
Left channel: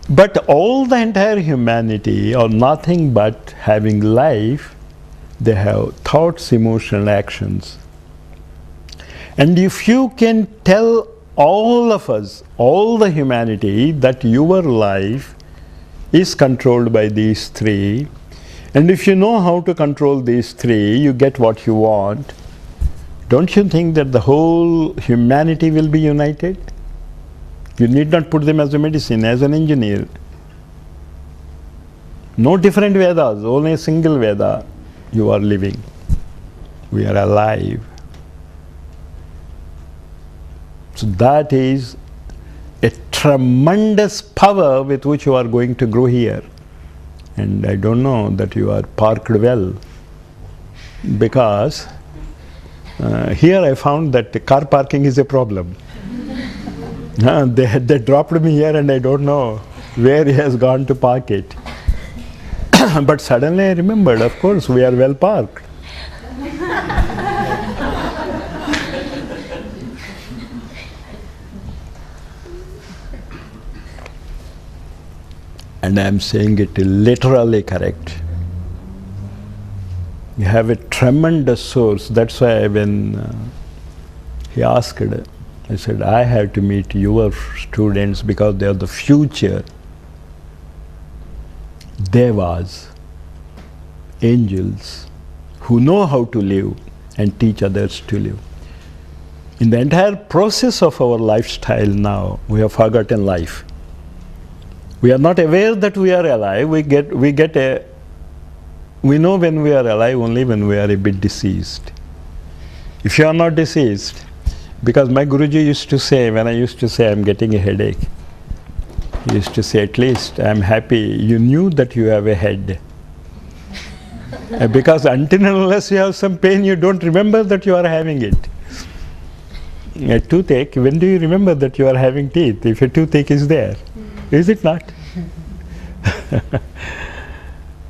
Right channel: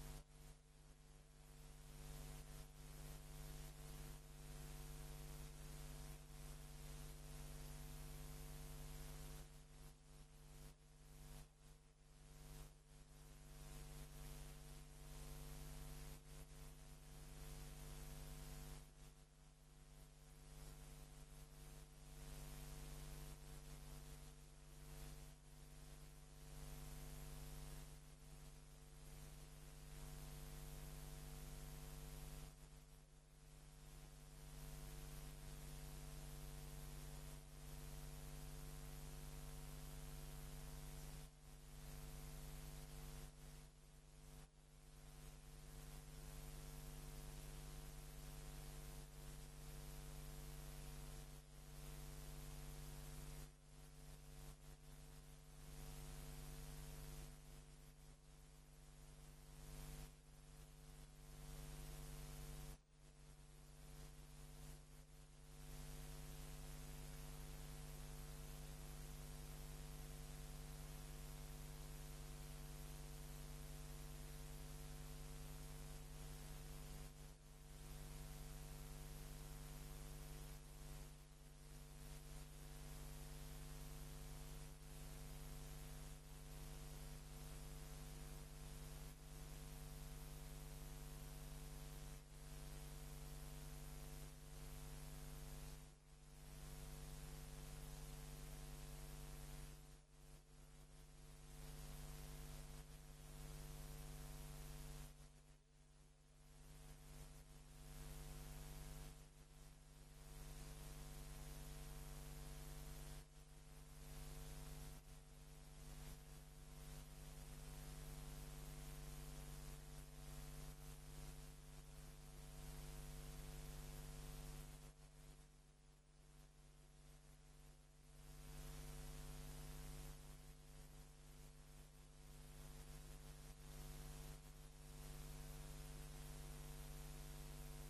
But all the entire humanity are nothing but having life. They have thoughts, emotions, actions. And if you can tell all of us, all the humanity, that your life is controlled by these three, and if you know how to control these three, you get what you want, don't you think that the whole humanity will be united? You need not put them as a medicine, as an engineer. No different Vedas, only a single Veda you are living. We are alive. So that is a tremendous power with which you are going to grow here. And I don't know that you are parked well, because here I found that the car parking is a problem. They dropped me here and I don't know where he has gone to park it. But suddenly I remembered, of course, we are well parked. And I am saying it literally correct. You have a tremendous source. That's why when he asked, I said, I have to meet your students because they are the future devas, angels, who know how to live and teach others to live. In the entire process of our lifestyle now, we have forgotten life. We are not aware that we are alive. We know when we are alive only when we are a bit deceased. If you are not deceased, because my Guruji used to say, when I used to say I'm getting a headache, he used to say, at least I'm happy you knew that you have a head. Because until and unless you have some pain, you don't remember that you are having it. A toothache, when do you remember that you are having teeth, if a toothache is there? Is it not?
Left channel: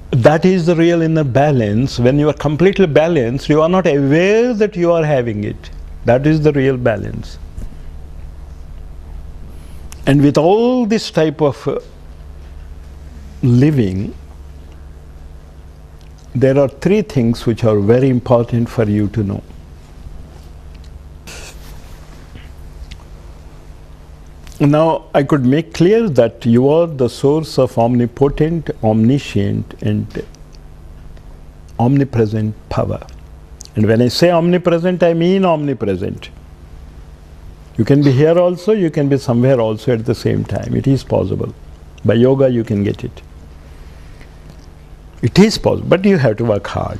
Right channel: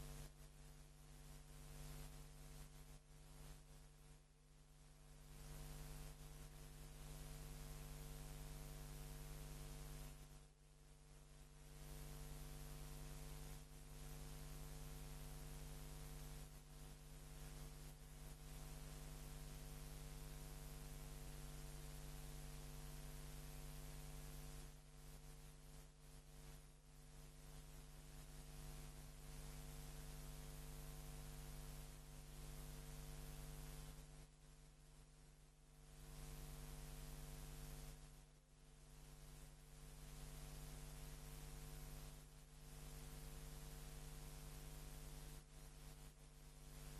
That is the real inner balance. When you are completely balanced, you are not aware that you are having it. That is the real balance. And with all this type of living, there are three things which are very important for you to know. Now, I could make clear that you are the source of omnipotent, omniscient, and omnipresent power. And when I say omnipresent, I mean omnipresent. You can be here also, you can be somewhere also at the same time. It is possible. By yoga, you can get it. It is possible, but you have to work hard.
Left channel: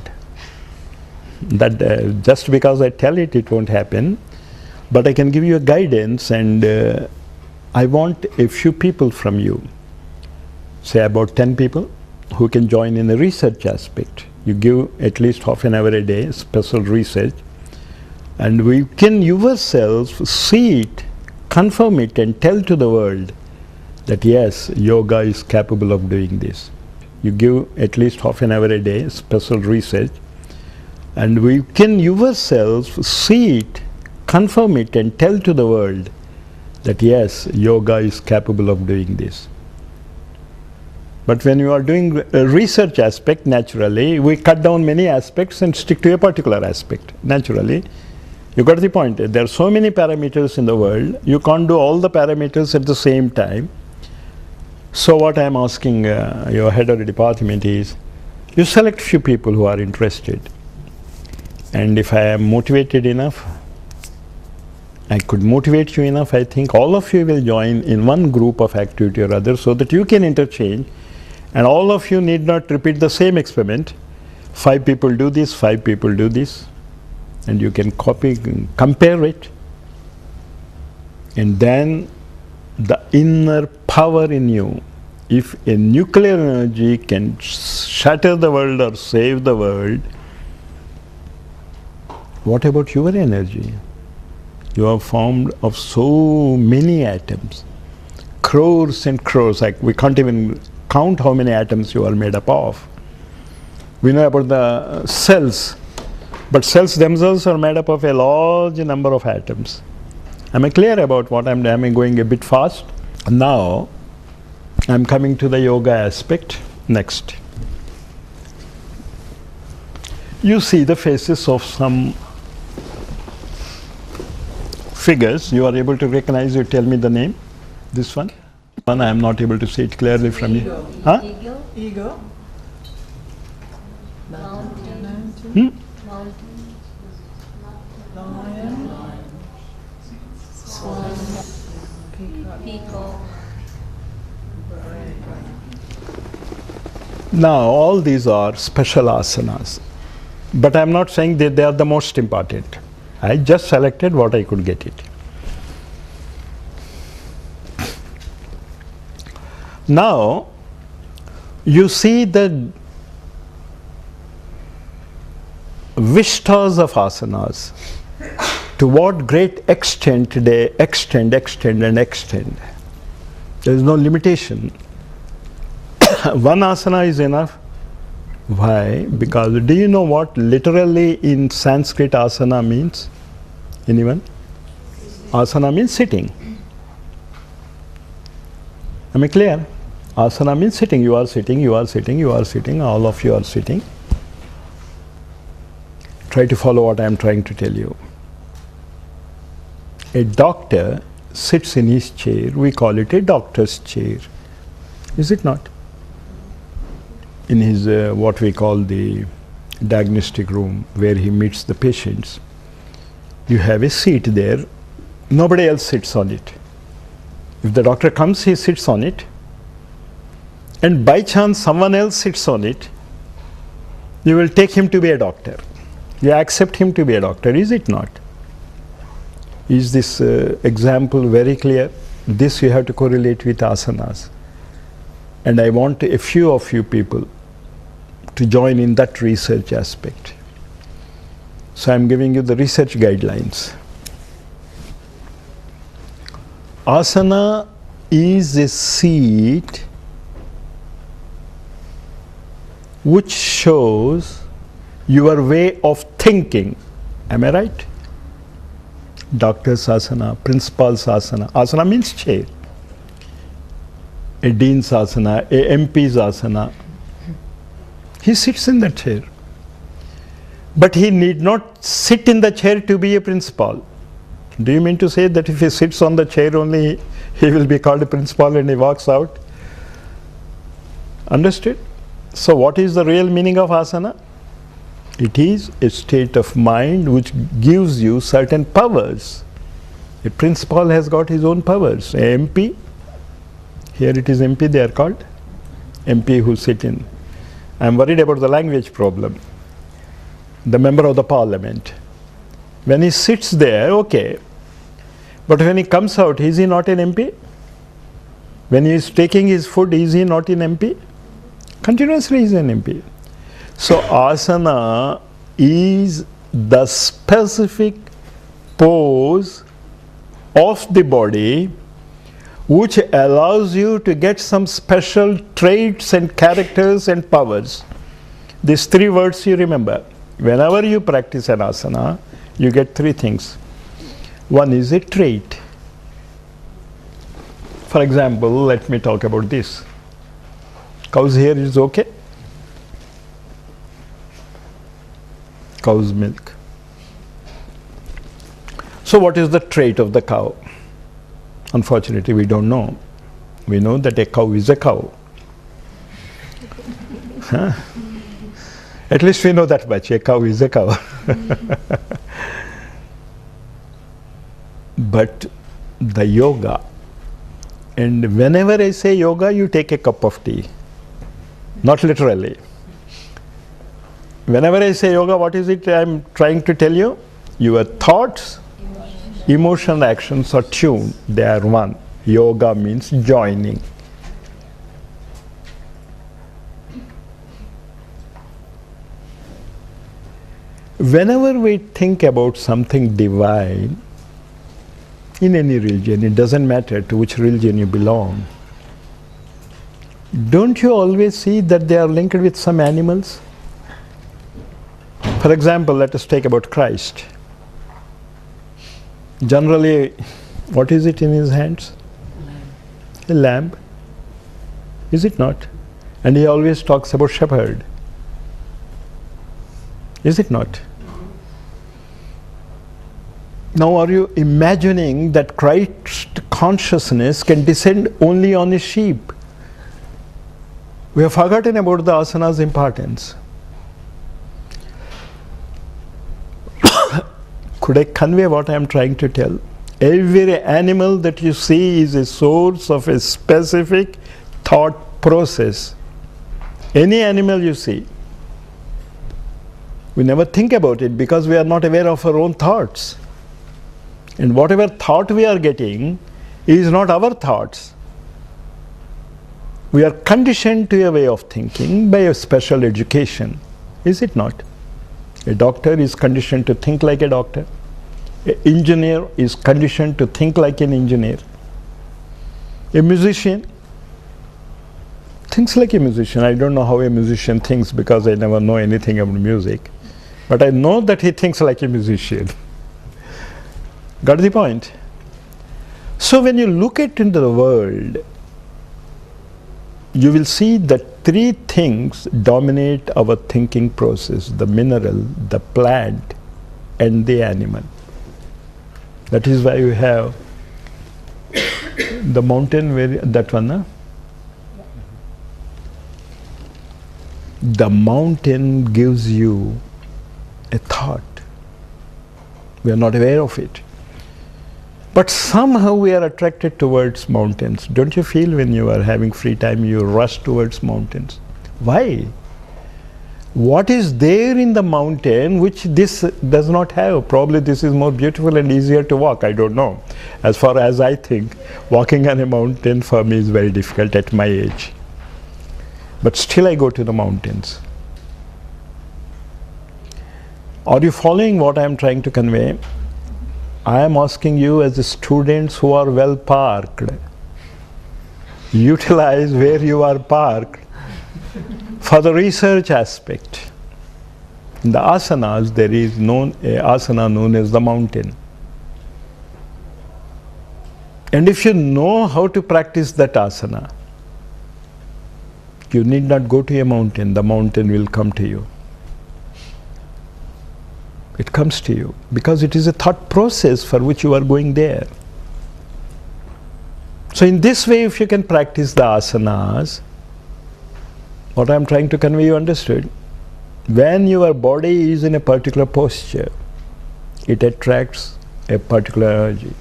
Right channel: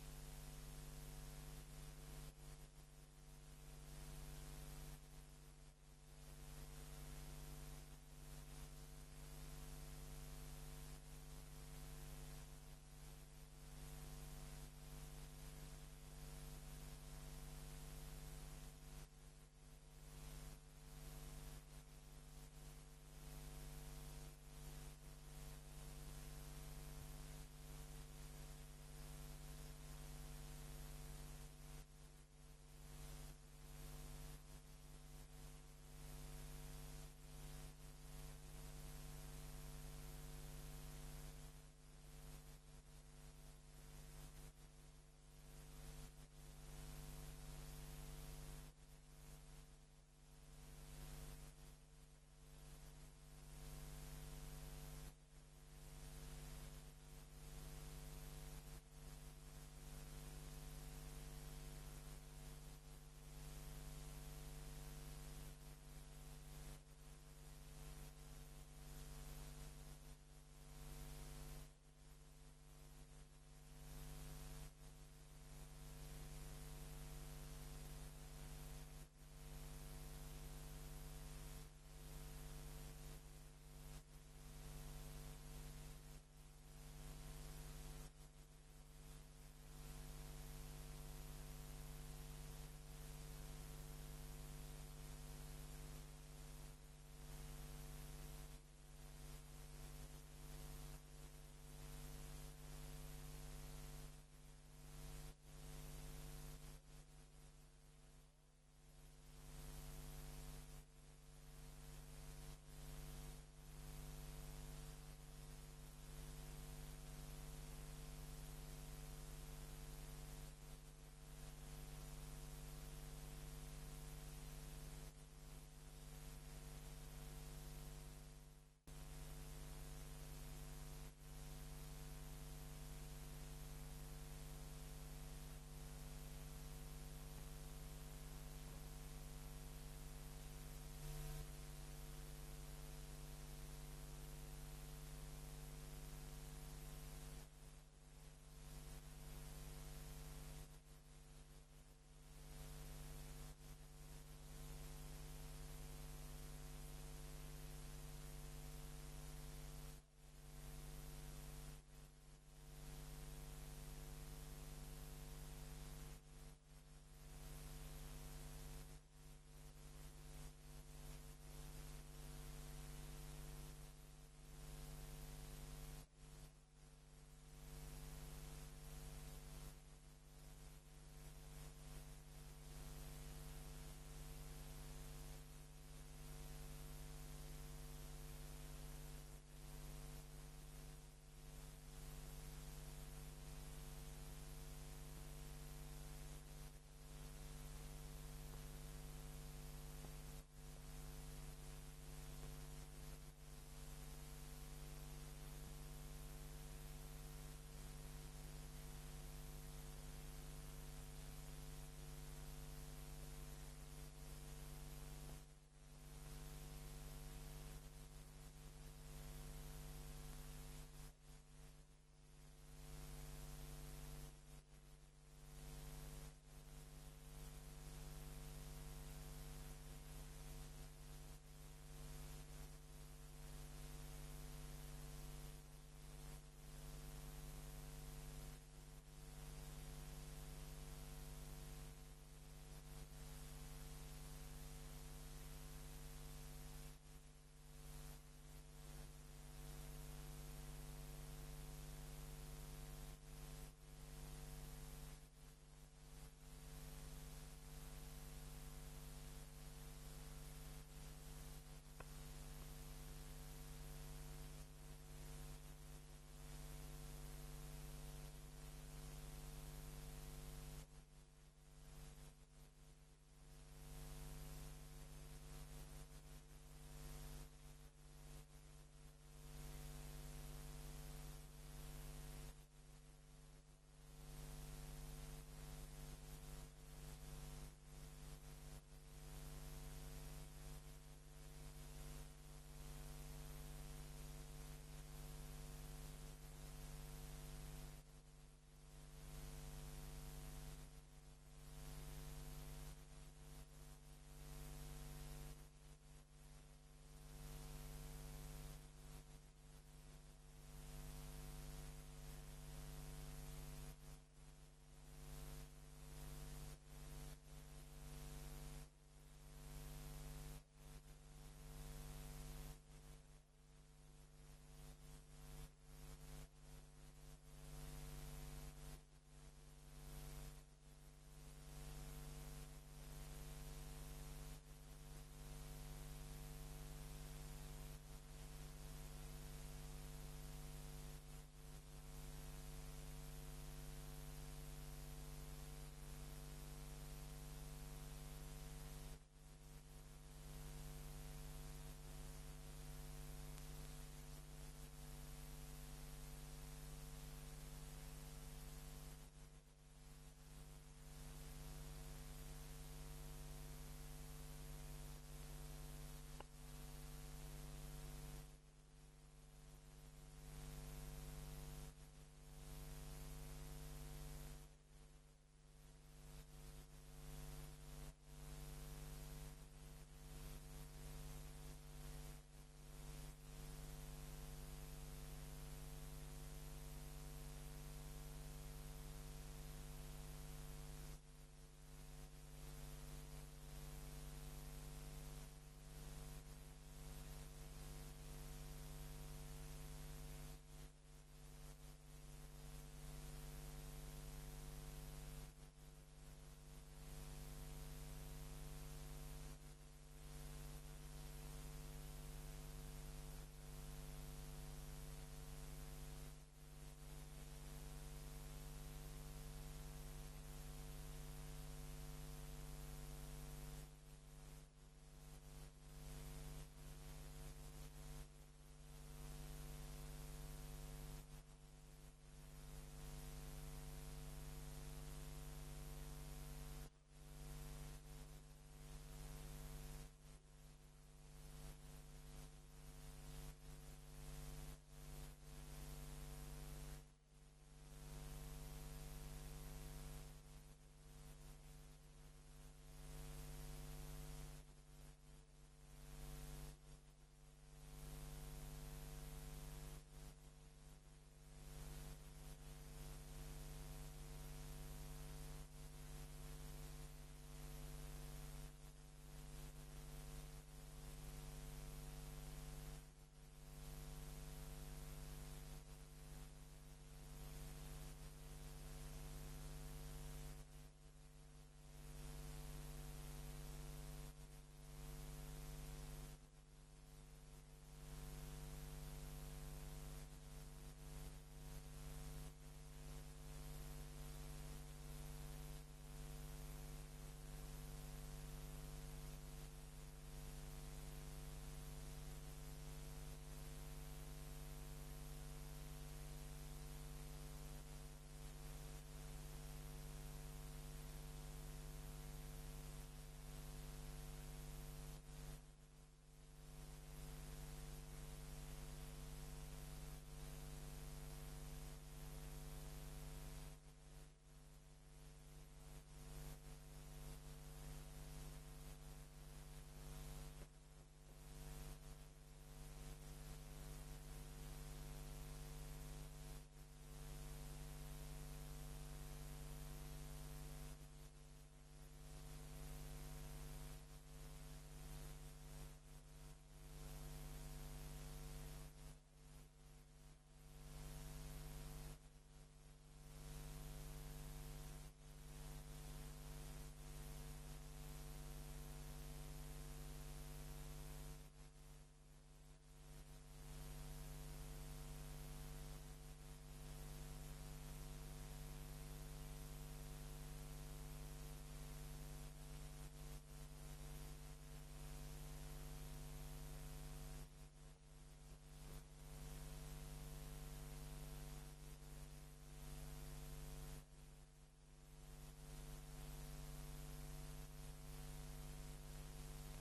That just because I tell it, it won't happen. But I can give you a guidance, and I want a few people from you, say about 10 people, who can join in the research aspect. You give at least half an hour a day, special research, and we can yourselves see it, confirm it, and tell to the world that yes, yoga is capable of doing this. You give at least half an hour a day, special research, and we can yourself see it, confirm it, and tell to the world that yes, yoga is capable of doing this. But when you are doing a research aspect, naturally, we cut down many aspects and stick to a particular aspect. Naturally, you got the point. There are so many parameters in the world, you can't do all the parameters at the same time. So what I am asking your head of the department is, you select few people who are interested. And if I am motivated enough, I could motivate you enough, I think all of you will join in one group of activity or other so that you can interchange, and all of you need not repeat the same experiment. 5 people do this, 5 people do this, and you can copy, compare it, and then the inner power in you. If a nuclear energy can shatter the world or save the world, what about your energy? You are formed of so many atoms, crores and crores, like we can't even count how many atoms you are made up of. We know about the cells, but cells themselves are made up of a large number of atoms. Am I clear about what I'm going a bit fast? Now, I'm coming to the yoga aspect next. You see the faces of some figures. You are able to recognize, you tell me the name. This one? One I am not able to see it clearly from you. Huh? Eagle. Hmm? Lion. Swan. Peacock. Now, all these are special asanas. But I'm not saying that they are the most important. I just selected what I could get it. Now, you see the vistas of asanas, to what great extent they extend. There is no limitation. One asana is enough. Why? Because do you know what literally in Sanskrit asana means? Anyone? Asana means sitting. Am I clear? Asana means sitting. You are sitting, you are sitting, you are sitting, all of you are sitting. Try to follow what I am trying to tell you. A doctor sits in his chair, we call it a doctor's chair. Is it not? In his what we call the diagnostic room where he meets the patients, you have a seat there, nobody else sits on it. If the doctor comes, he sits on it, and by chance someone else sits on it, you will take him to be a doctor. You accept him to be a doctor, is it not? Is this example very clear? This you have to correlate with asanas. And I want a few of you people to join in that research aspect. So I'm giving you the research guidelines. Asana is a seat which shows your way of thinking. Am I right? Doctor's asana, principal's asana. Asana means chair. A dean's asana, a MP's asana. He sits in that chair. But he need not sit in the chair to be a principal. Do you mean to say that if he sits on the chair only, he will be called a principal and he walks out? Understood? So what is the real meaning of asana? It is a state of mind which gives you certain powers. A principal has got his own powers. A MP, here it is MP they are called, MP who sit in. I am worried about the language problem. The member of the parliament. When he sits there, okay. But when he comes out, is he not an MP? When he is taking his food, is he not an MP? Continuously he is an MP. So asana is the specific pose of the body which allows you to get some special traits and characters and powers. These three words you remember. Whenever you practice an asana, you get three things. One is a trait. For example, let me talk about this. Cow's hair is okay? Cow's milk. So what is the trait of the cow? Unfortunately, we don't know. We know that a cow is a cow. Huh? At least we know that much. A cow is a cow. But the yoga, and whenever I say yoga, you take a cup of tea. Not literally. Whenever I say yoga, what is it I'm trying to tell you? Your thoughts, emotion, actions are tuned. They are one. Yoga means joining. Whenever we think about something divine, in any religion, it doesn't matter to which religion you belong, don't you always see that they are linked with some animals? For example, let us take about Christ. Generally, what is it in his hands? A lamb. Is it not? And he always talks about shepherd. Is it not? Now, are you imagining that Christ consciousness can descend only on a sheep? We have forgotten about the asana's importance. Could I convey what I am trying to tell? Every animal that you see is a source of a specific thought process. Any animal you see. We never think about it because we are not aware of our own thoughts. And whatever thought we are getting is not our thoughts. We are conditioned to a way of thinking by a special education. Is it not? A doctor is conditioned to think like a doctor. An engineer is conditioned to think like an engineer. A musician thinks like a musician. I don't know how a musician thinks because I never know anything about music. But I know that he thinks like a musician. Got the point? So when you look at into the world, you will see that three things dominate our thinking process: the mineral, the plant, and the animal. That is why you have the mountain, where that one, huh? The mountain gives you a thought. We are not aware of it. But somehow we are attracted towards mountains. Don't you feel when you are having free time, you rush towards mountains? Why? What is there in the mountain which this does not have? Probably this is more beautiful and easier to walk. I don't know. As far as I think, walking on a mountain for me is very difficult at my age. But still I go to the mountains. Are you following what I am trying to convey? I am asking you as the students who are well parked, utilize where you are parked for the research aspect. In the asanas, there is an asana known as the mountain. And if you know how to practice that asana, you need not go to a mountain. The mountain will come to you. It comes to you because it is a thought process for which you are going there. So in this way, if you can practice the asanas, what I am trying to convey, you understood? When your body is in a particular posture, it attracts a particular energy.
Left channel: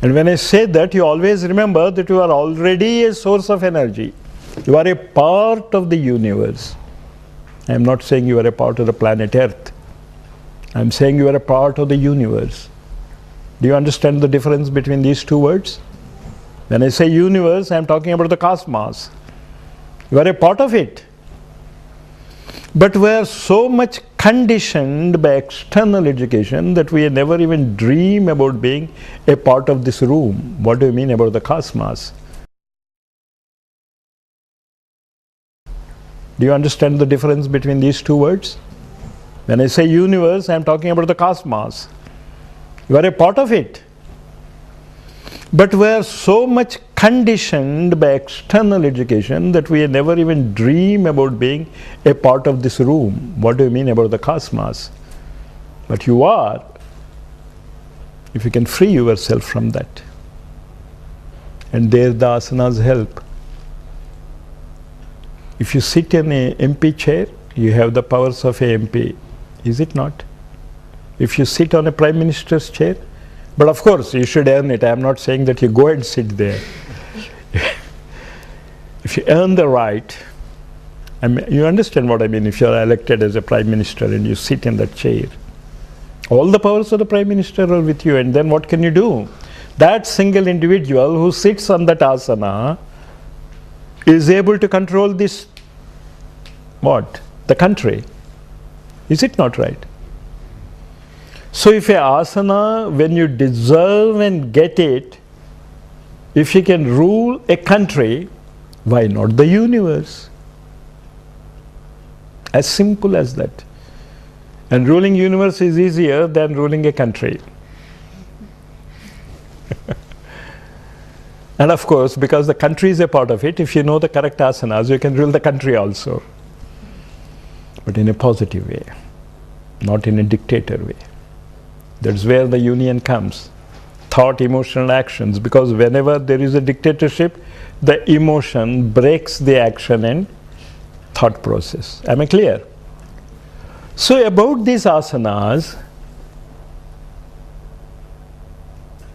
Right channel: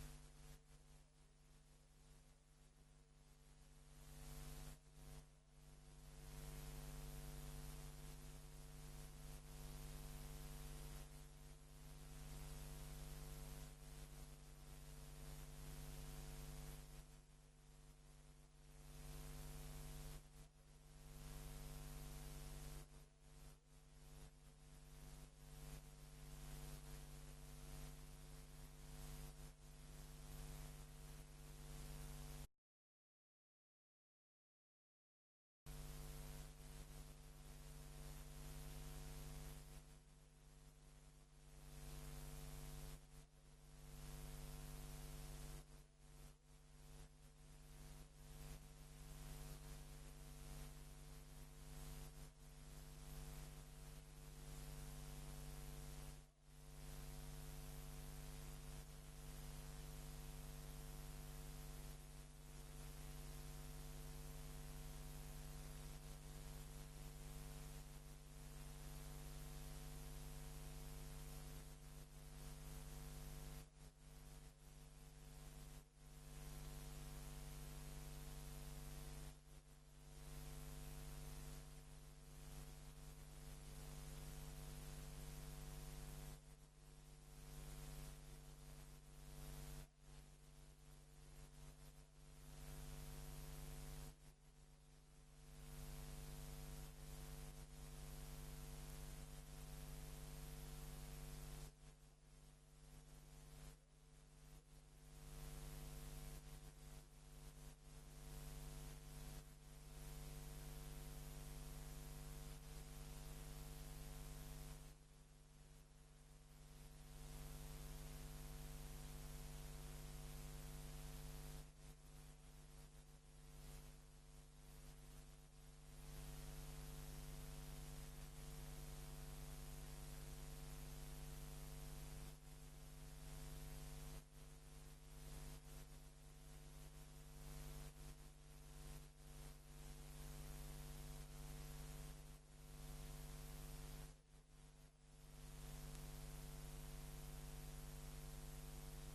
And when I say that, you always remember that you are already a source of energy. You are a part of the universe. I am not saying you are a part of the planet Earth. I am saying you are a part of the universe. Do you understand the difference between these two words? When I say universe, I am talking about the cosmos. You are a part of it. But we are so much conditioned by external education that we never even dream about being a part of this room. What do you mean about the cosmos? Do you understand the difference between these two words? When I say universe, I am talking about the cosmos. You are a part of it. But we are so much conditioned by external education that we never even dream about being a part of this room. What do you mean about the cosmos? But you are, if you can free yourself from that. And there the asanas help. If you sit in a MP chair, you have the powers of a MP. Is it not? If you sit on a Prime Minister's chair, but of course you should earn it. I am not saying that you go and sit there. If you earn the right, you understand what I mean, if you are elected as a Prime Minister and you sit in that chair, all the powers of the Prime Minister are with you, and then what can you do? That single individual who sits on that asana is able to control this, what? The country. Is it not right? So if a asana, when you deserve and get it, if you can rule a country, why not the universe? As simple as that. And ruling universe is easier than ruling a country. And of course, because the country is a part of it, if you know the correct asanas, you can rule the country also. But in a positive way, not in a dictator way. That's where the union comes. Thought, emotional actions. Because whenever there is a dictatorship, the emotion breaks the action and thought process. Am I clear? So about these asanas,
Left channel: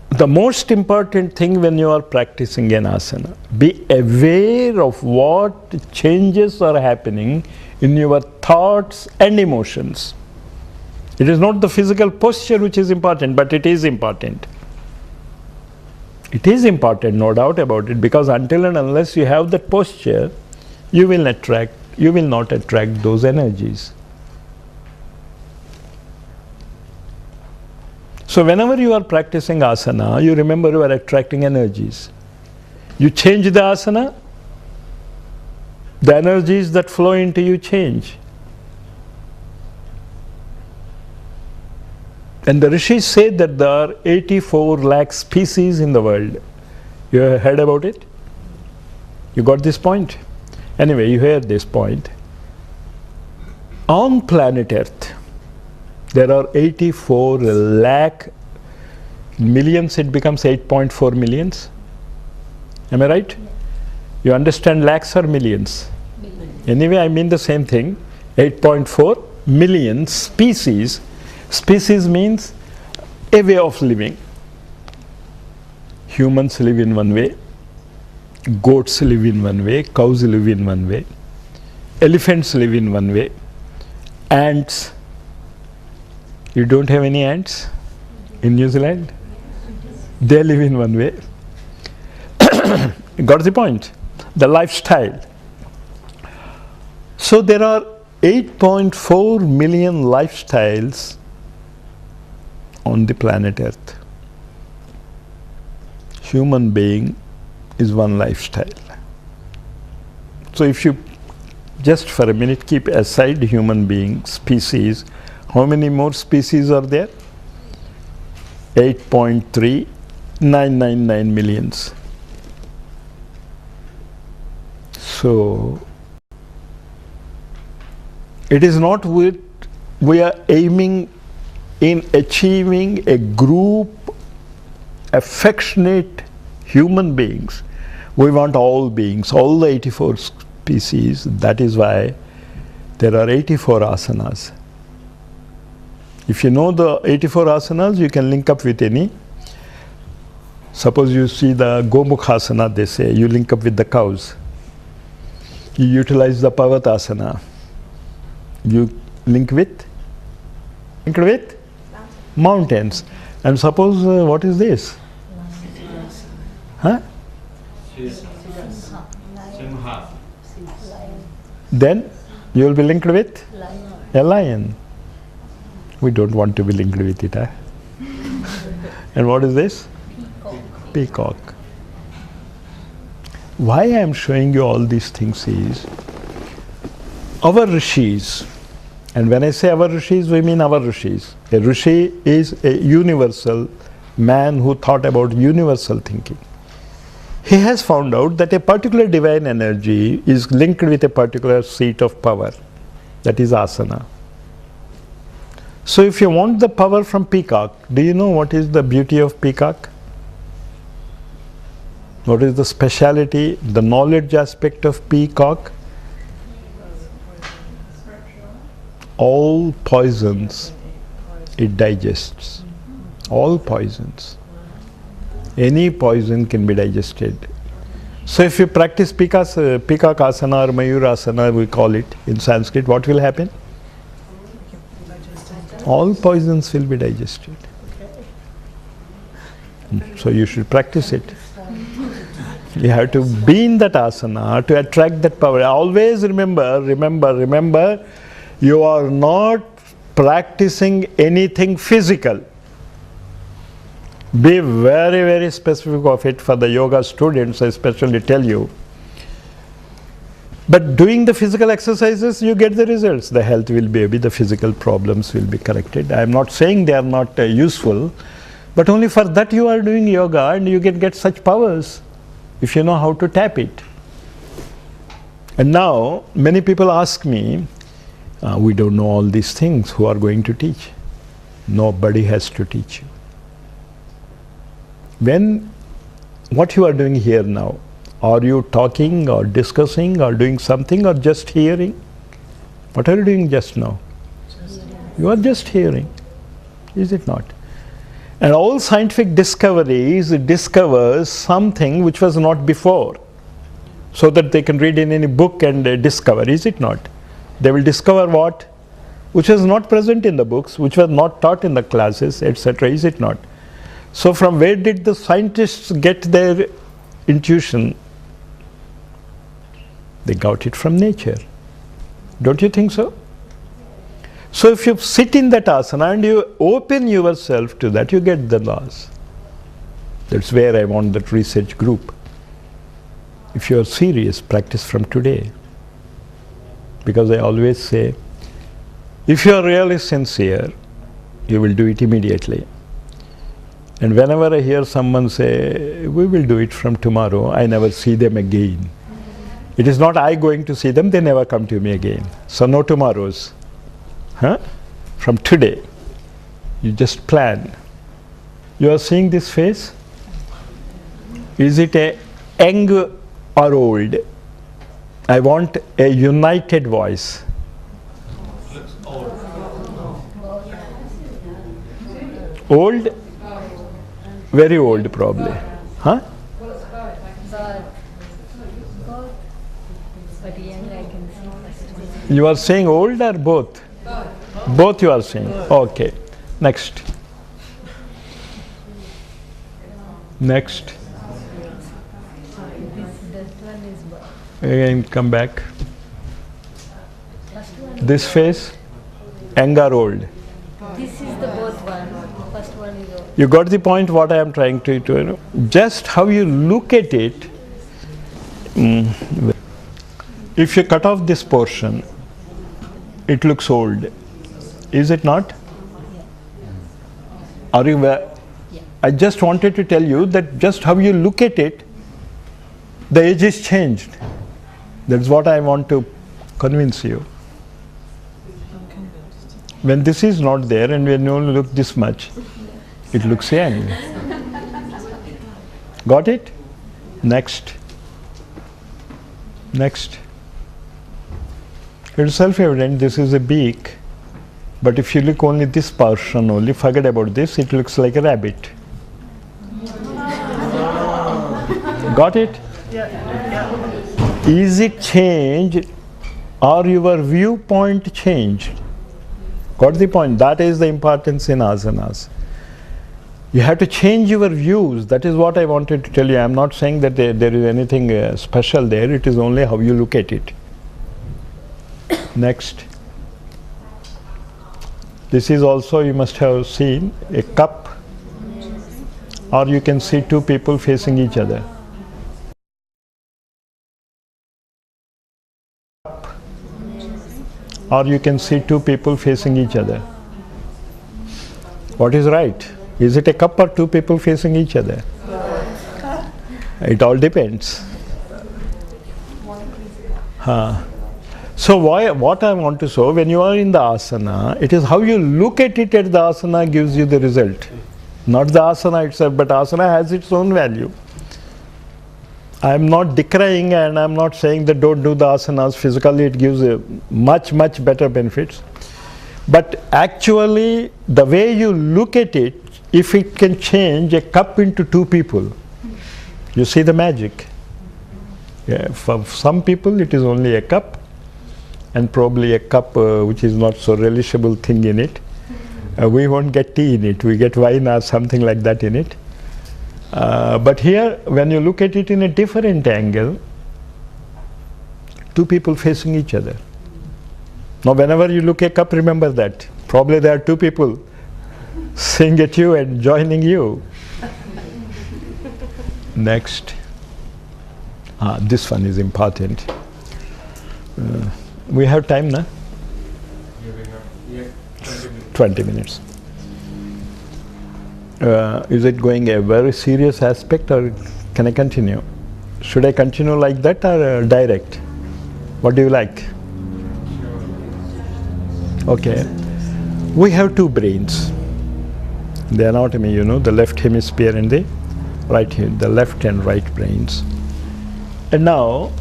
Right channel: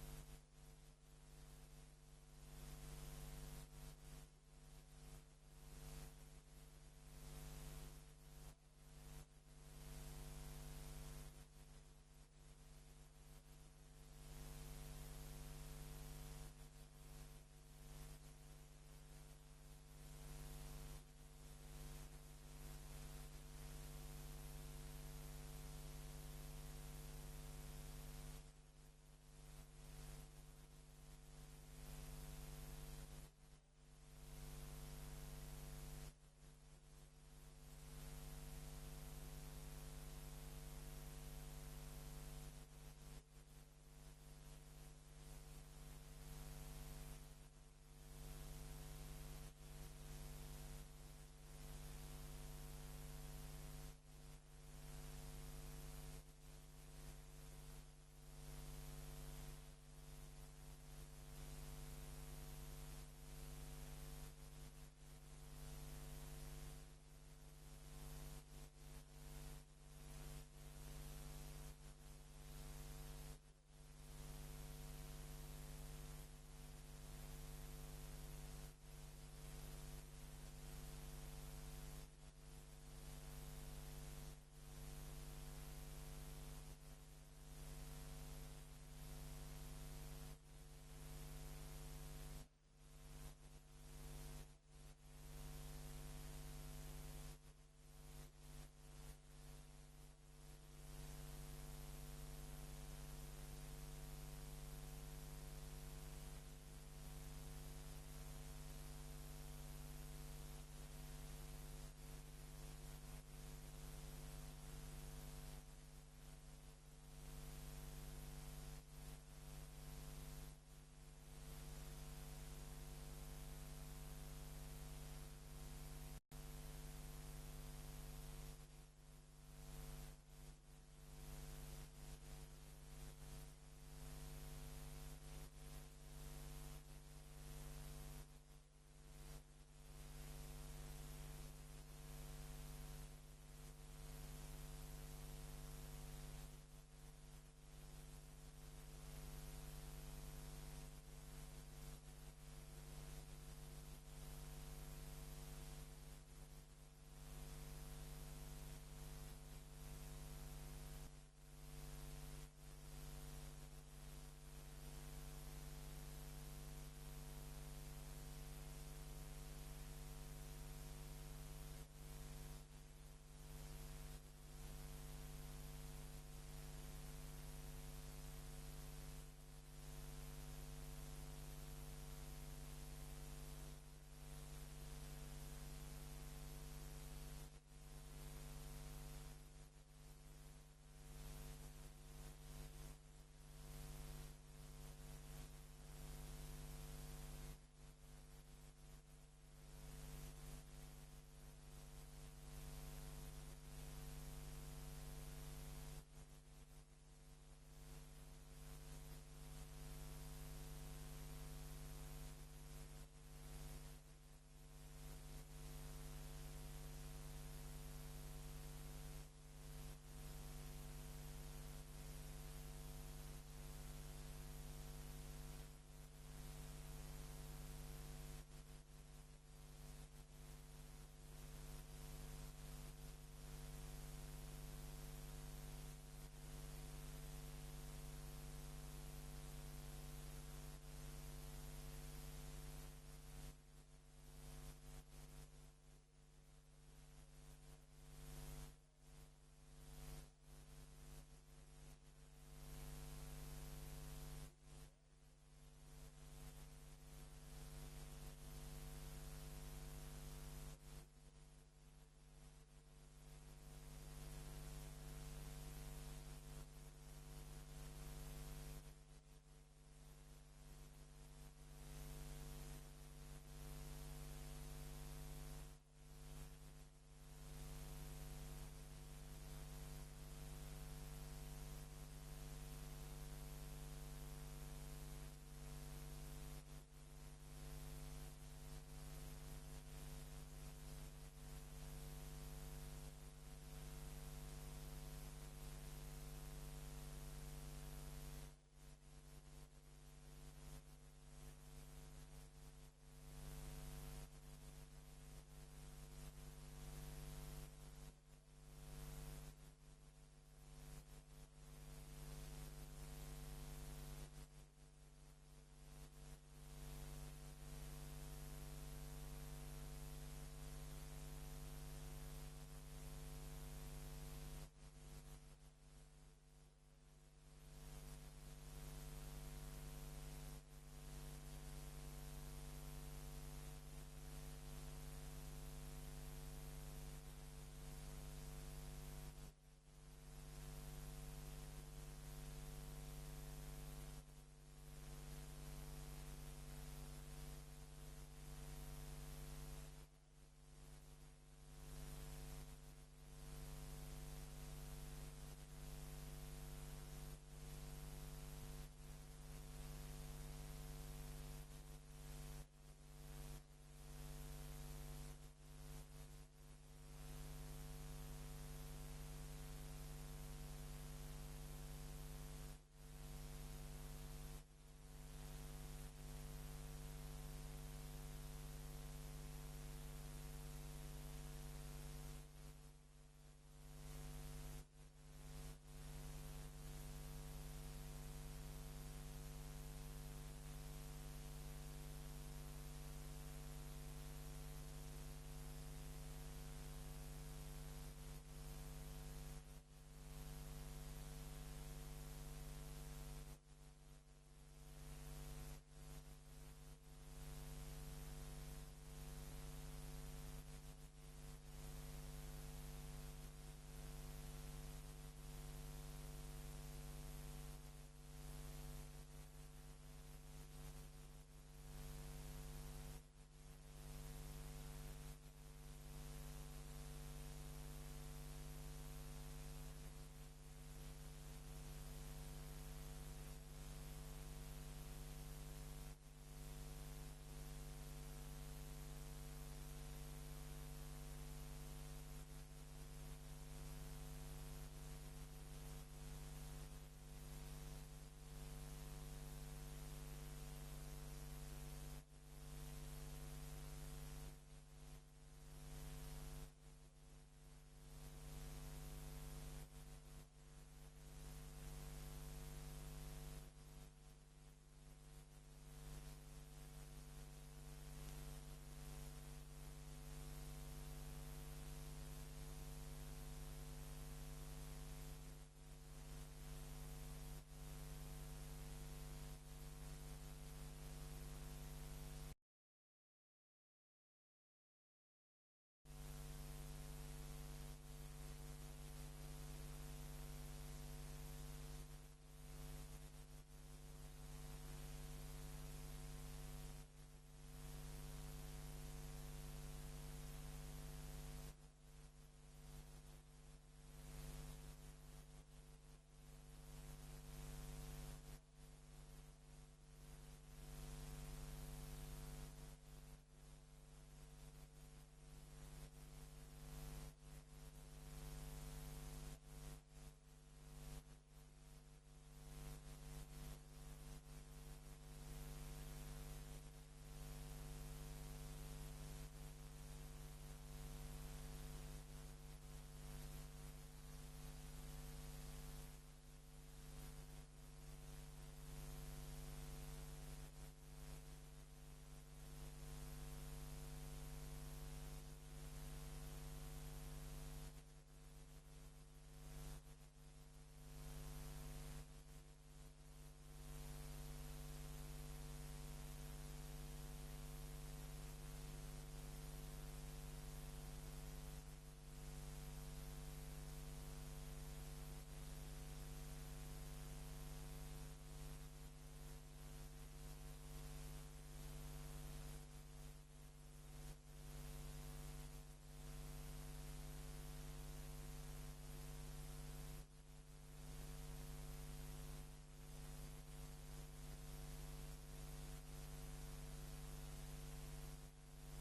the most important thing when you are practicing an asana, be aware of what changes are happening in your thoughts and emotions. It is not the physical posture which is important, but it is important. It is important, no doubt about it, because until and unless you have that posture, you will not attract those energies. So whenever you are practicing asana, you remember you are attracting energies. You change the asana, the energies that flow into you change. And the rishis say that there are 84 lakh species in the world. You have heard about it? You got this point? Anyway, you heard this point. On planet Earth, there are 84 lakh millions, it becomes 8.4 millions. Am I right? You understand lakhs or millions? Anyway, I mean the same thing. 8.4 million species. Species means a way of living. Humans live in one way, goats live in one way, cows live in one way, elephants live in one way, ants. You don't have any ants in New Zealand? They live in one way. Got the point? The lifestyle. So there are 8.4 million lifestyles on the planet Earth. Human being is one lifestyle. So if you just for a minute keep aside human being, species, how many more species are there? 8.3999 millions. So it is not we are aiming in achieving a group, affectionate human beings. We want all beings, all the 84 species. That is why there are 84 asanas. If you know the 84 asanas, you can link up with any. Suppose you see the Gomukhasana, they say, you link up with the cows. You utilize the Pavatasana. You link with mountains. And suppose, what is this? Huh? Then you will be linked with a lion. We don't want to be linked with it, huh? And what is this? Peacock. Why I am showing you all these things is, our rishis, and when I say our rishis, we mean our rishis. A rishi is a universal man who thought about universal thinking. He has found out that a particular divine energy is linked with a particular seat of power, that is asana. So if you want the power from peacock, do you know what is the beauty of peacock? What is the speciality, the knowledge aspect of peacock? All poisons it digests. All poisons. Any poison can be digested. So if you practice peacock asana or mayurasana, we call it in Sanskrit, what will happen? All poisons will be digested. So you should practice it. You have to be in that asana to attract that power. Always remember, you are not practicing anything physical. Be very, very specific of it. For the yoga students, I especially tell you. But doing the physical exercises, you get the results. The health will be, the physical problems will be corrected. I am not saying they are not useful, but only for that you are doing yoga, and you can get such powers if you know how to tap it. And now, many people ask me, we don't know all these things, who are going to teach? Nobody has to teach you. What you are doing here now, are you talking or discussing or doing something or just hearing? What are you doing just now? You are just hearing, is it not? And all scientific discoveries discovers something which was not before, so that they can read in any book and discover, is it not? They will discover what? Which was not present in the books, which was not taught in the classes, etc., is it not? So from where did the scientists get their intuition? They got it from nature. Don't you think so? So if you sit in that asana and you open yourself to that, you get the laws. That's where I want that research group. If you are serious, practice from today. Because I always say, if you are really sincere, you will do it immediately. And whenever I hear someone say, we will do it from tomorrow, I never see them again. It is not I going to see them, they never come to me again. So no tomorrows. Huh? From today, you just plan. You are seeing this face? Is it a young or old? I want a united voice. Old? Very old probably. Huh? You are saying old or both? Both you are saying. Okay. Next. Next. Again, come back. This face, young or old? This is the both one. First one is old. You got the point what I am trying to you know? Just how you look at it. If you cut off this portion, it looks old. Is it not? Are you aware? I just wanted to tell you that just how you look at it, the age is changed. That's what I want to convince you. When this is not there and when you only look this much, it looks young. Got it? Next. Next. It's self-evident this is a beak, but if you look only this portion only, forget about this, it looks like a rabbit. Got it? Is it changed or your viewpoint changed? Got the point? That is the importance in asanas. You have to change your views. That is what I wanted to tell you. I am not saying that there is anything special there. It is only how you look at it. Next. This is also, you must have seen, a cup, or you can see two people facing each other. Or you can see two people facing each other. What is right? Is it a cup or two people facing each other? It all depends. So what I want to show, when you are in the asana, it is how you look at it at the asana gives you the result. Not the asana itself, but asana has its own value. I am not decrying and I am not saying that don't do the asanas. Physically it gives a much better benefits. But actually the way you look at it, if it can change a cup into two people, you see the magic. Yeah, for some people it is only a cup, and probably a cup which is not so relishable thing in it. We won't get tea in it, we get wine or something like that in it. But here, when you look at it in a different angle, two people facing each other. Now whenever you look at a cup, remember that. Probably there are two people seeing at you and joining you. Next. This one is important. We have time now? 20 minutes. Is it going a very serious aspect, or can I continue? Should I continue like that or direct? What do you like? Okay. We have two brains. The anatomy, you know, the left hemisphere and the right, the left and right brains. And now,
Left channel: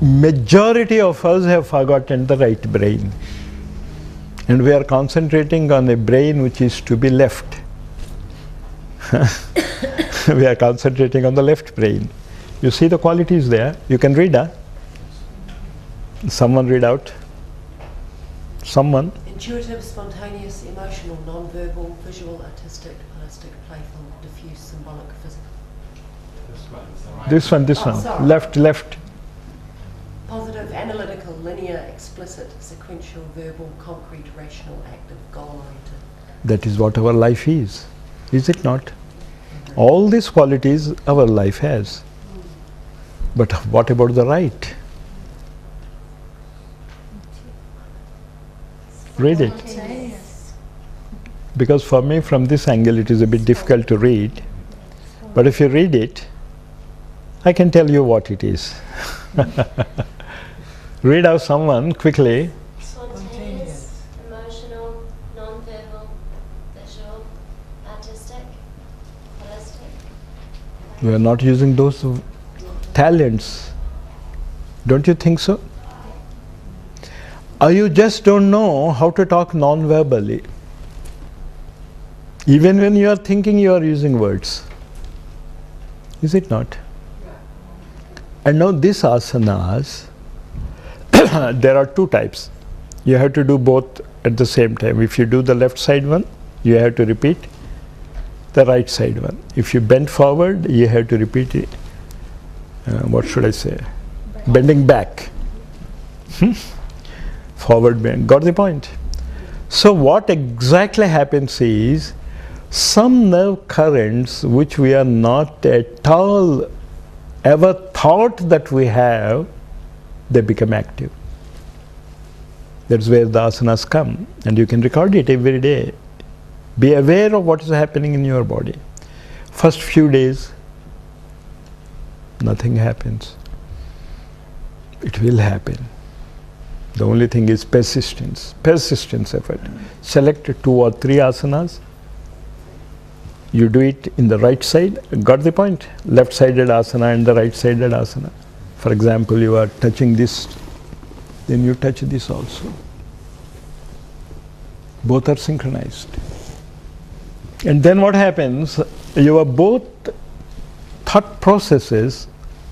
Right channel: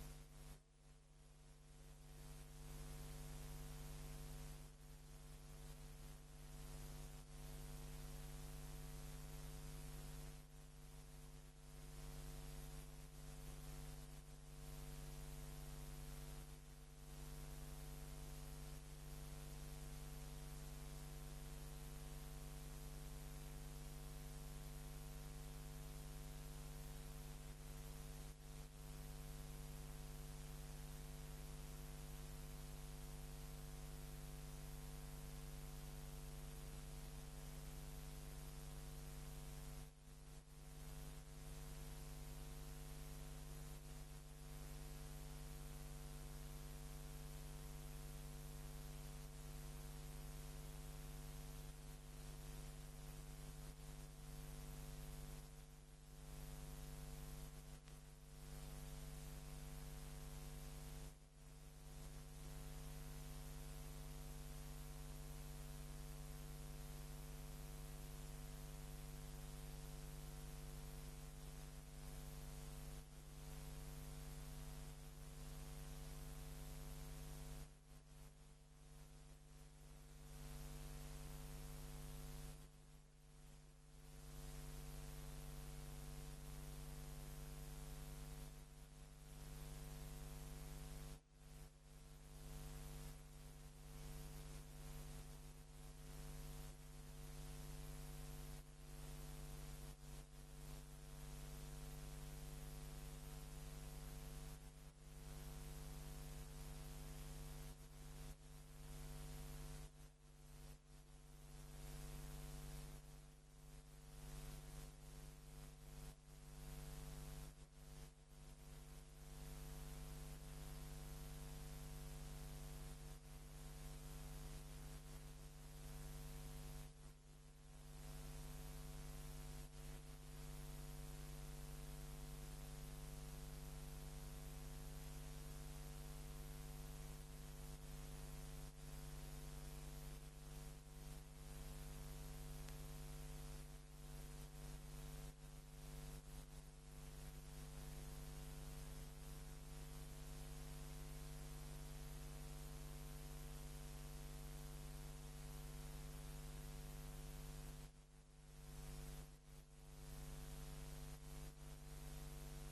majority of us have forgotten the right brain. And we are concentrating on a brain which is to be left. We are concentrating on the left brain. You see the qualities there. You can read, huh? Someone read out. Someone. Intuitive, spontaneous, emotional, non-verbal, visual, artistic, plastic, playful, diffuse, symbolic, physical. This one. Sorry. Left. Positive, analytical, linear, explicit, sequential, verbal, concrete, rational, active, goal-oriented. That is what our life is it not? All these qualities our life has. But what about the right? Read it. Because for me, from this angle, it is a bit difficult to read. But if you read it, I can tell you what it is. Read out someone quickly. Spontaneous, emotional, non-verbal, visual, artistic, holistic. We are not using those talents. Don't you think so? Or you just don't know how to talk non-verbally. Even when you are thinking, you are using words. Is it not? And now these asanas, there are two types. You have to do both at the same time. If you do the left side one, you have to repeat the right side one. If you bend forward, you have to repeat it. What should I say? Bending back. Forward bend. Got the point? So what exactly happens is, some nerve currents which we are not at all ever thought that we have, they become active. That's where the asanas come, and you can record it every day. Be aware of what is happening in your body. First few days, nothing happens. It will happen. The only thing is persistence effort. Select 2 or 3 asanas. You do it in the right side. Got the point? Left-sided asana and the right-sided asana. For example, you are touching this, then you touch this also. Both are synchronized. And then what happens? Your both thought processes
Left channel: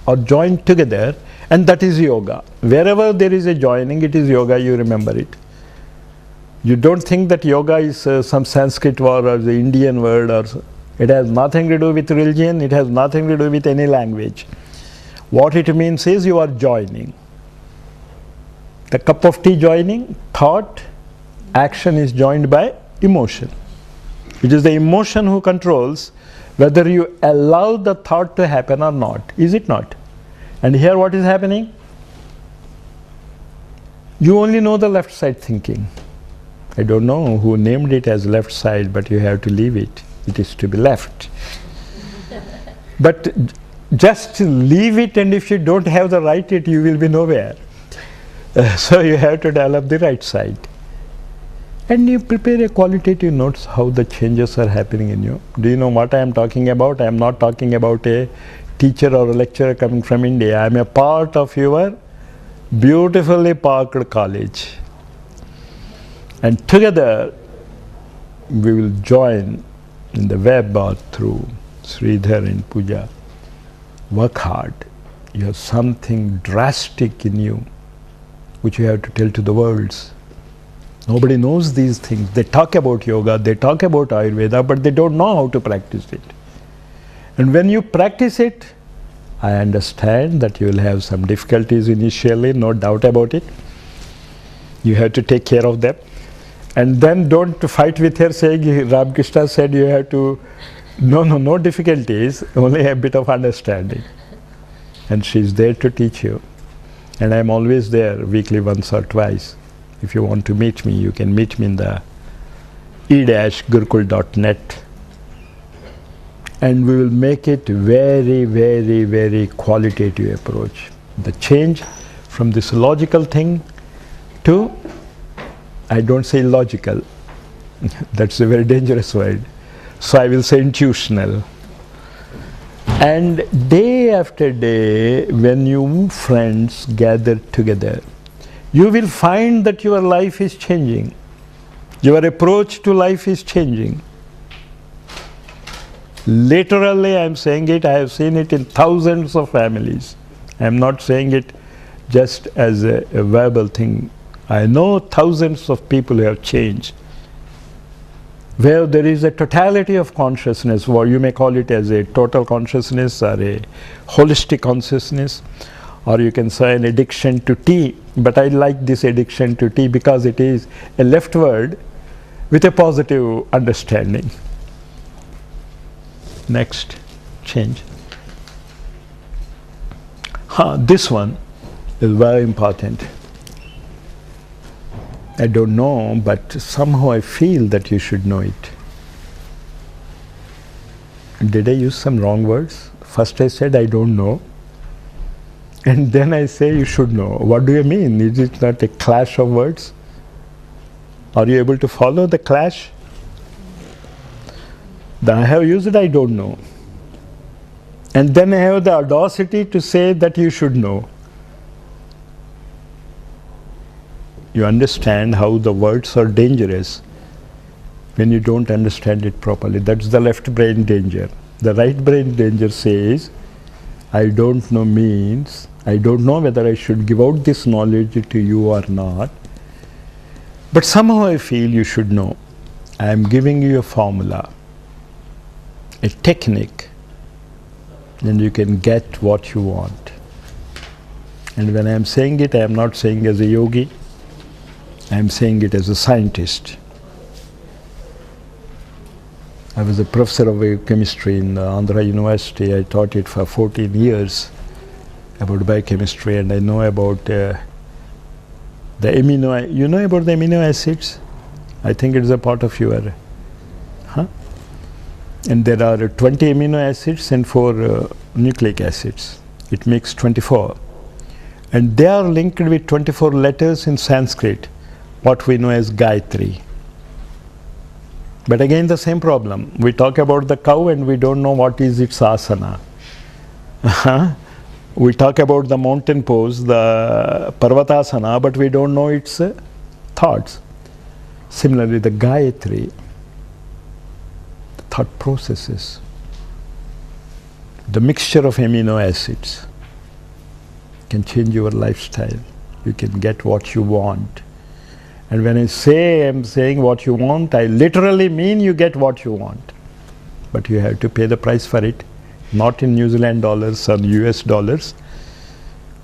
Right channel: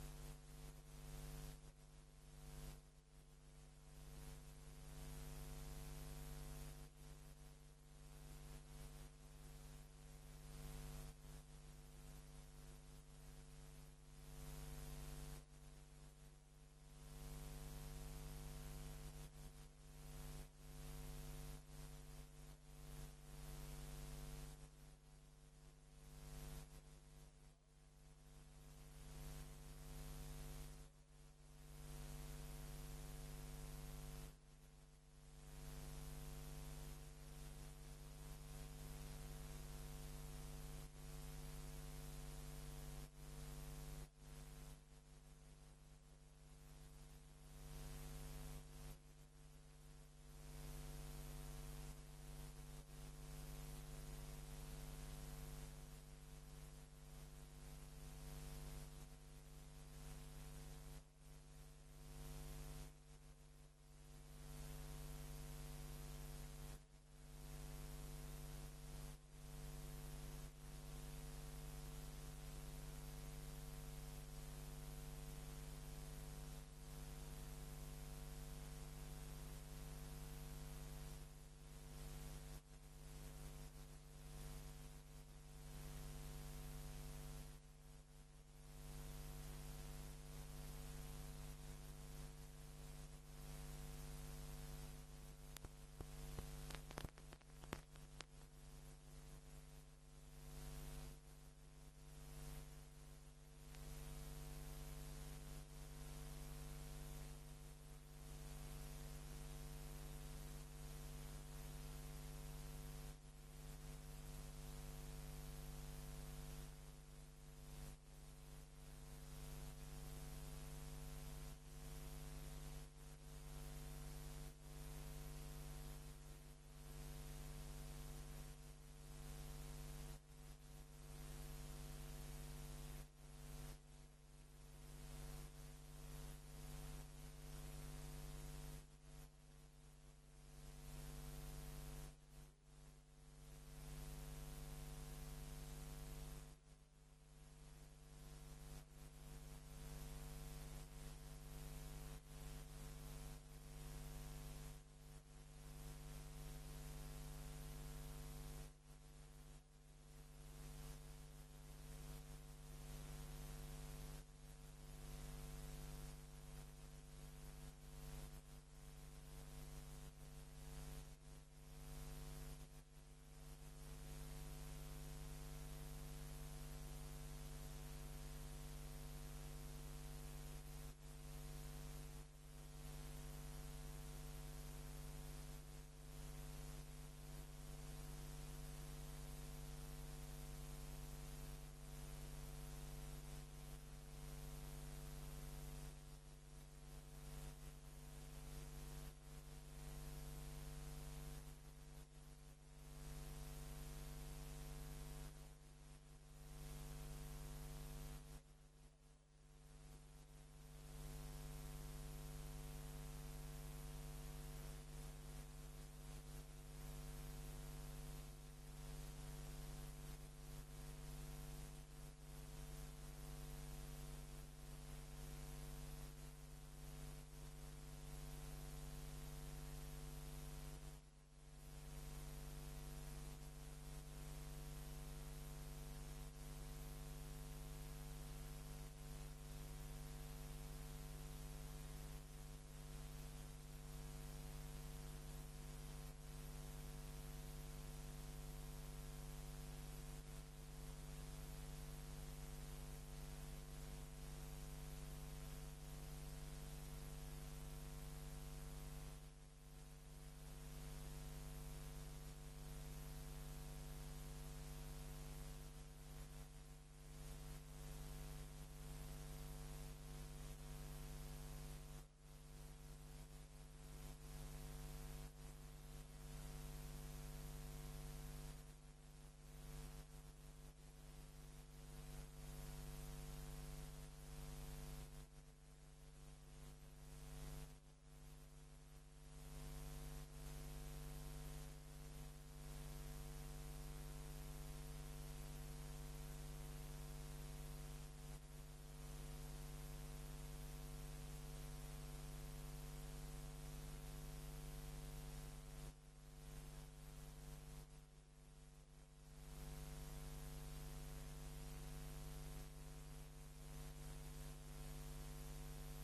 are joined together, and that is yoga. Wherever there is a joining, it is yoga, you remember it. You don't think that yoga is some Sanskrit word or the Indian word, or it has nothing to do with religion, it has nothing to do with any language. What it means is you are joining. The cup of tea joining, thought, action is joined by emotion. It is the emotion who controls whether you allow the thought to happen or not. Is it not? And here what is happening? You only know the left side thinking. I don't know who named it as left side, but you have to leave it. It is to be left. But just leave it, and if you don't have the right it, you will be nowhere. So you have to develop the right side. And you prepare a qualitative notes how the changes are happening in you. Do you know what I am talking about? I am not talking about a teacher or a lecturer coming from India. I am a part of your beautifully parked college. And together we will join in the web or through Sridhar and Pooja. Work hard. You have something drastic in you which you have to tell to the world. Nobody knows these things. They talk about yoga, they talk about Ayurveda, but they don't know how to practice it. And when you practice it, I understand that you will have some difficulties initially, no doubt about it. You have to take care of them. And then don't fight with her saying, Ramakrishna said you have to, no difficulties, only a bit of understanding. And she's there to teach you. And I'm always there, weekly once or twice. If you want to meet me, you can meet me in the e-gurukul.net. And we will make it very, very, very qualitative approach. The change from this logical thing to, I don't say illogical, that's a very dangerous word. So I will say intuitional. And day after day, when you friends gather together, you will find that your life is changing. Your approach to life is changing. Literally, I am saying it, I have seen it in thousands of families. I am not saying it just as a verbal thing. I know thousands of people who have changed, where there is a totality of consciousness, or you may call it as a total consciousness or a holistic consciousness, or you can say an addiction to tea. But I like this addiction to tea because it is a left word with a positive understanding. Next, change. This one is very important. I don't know, but somehow I feel that you should know it. Did I use some wrong words? First I said I don't know, and then I say you should know. What do you mean? Is it not a clash of words? Are you able to follow the clash? Then I have used I don't know. And then I have the audacity to say that you should know. You understand how the words are dangerous when you don't understand it properly. That's the left brain danger. The right brain danger says, I don't know means, I don't know whether I should give out this knowledge to you or not. But somehow I feel you should know. I am giving you a formula, a technique, and you can get what you want. And when I am saying it, I am not saying as a yogi, I am saying it as a scientist. I was a professor of biochemistry in Andhra University. I taught it for 14 years about biochemistry, and I know about the amino. You know about the amino acids? I think it is a part of your. And there are 20 amino acids and 4 nucleic acids. It makes 24. And they are linked with 24 letters in Sanskrit, what we know as Gayatri. But again, the same problem. We talk about the cow and we don't know what is its asana. We talk about the mountain pose, the Parvatasana, but we don't know its thoughts. Similarly, the Gayatri, the thought processes, the mixture of amino acids can change your lifestyle. You can get what you want. And when I say I'm saying what you want, I literally mean you get what you want. But you have to pay the price for it, not in New Zealand dollars or US dollars,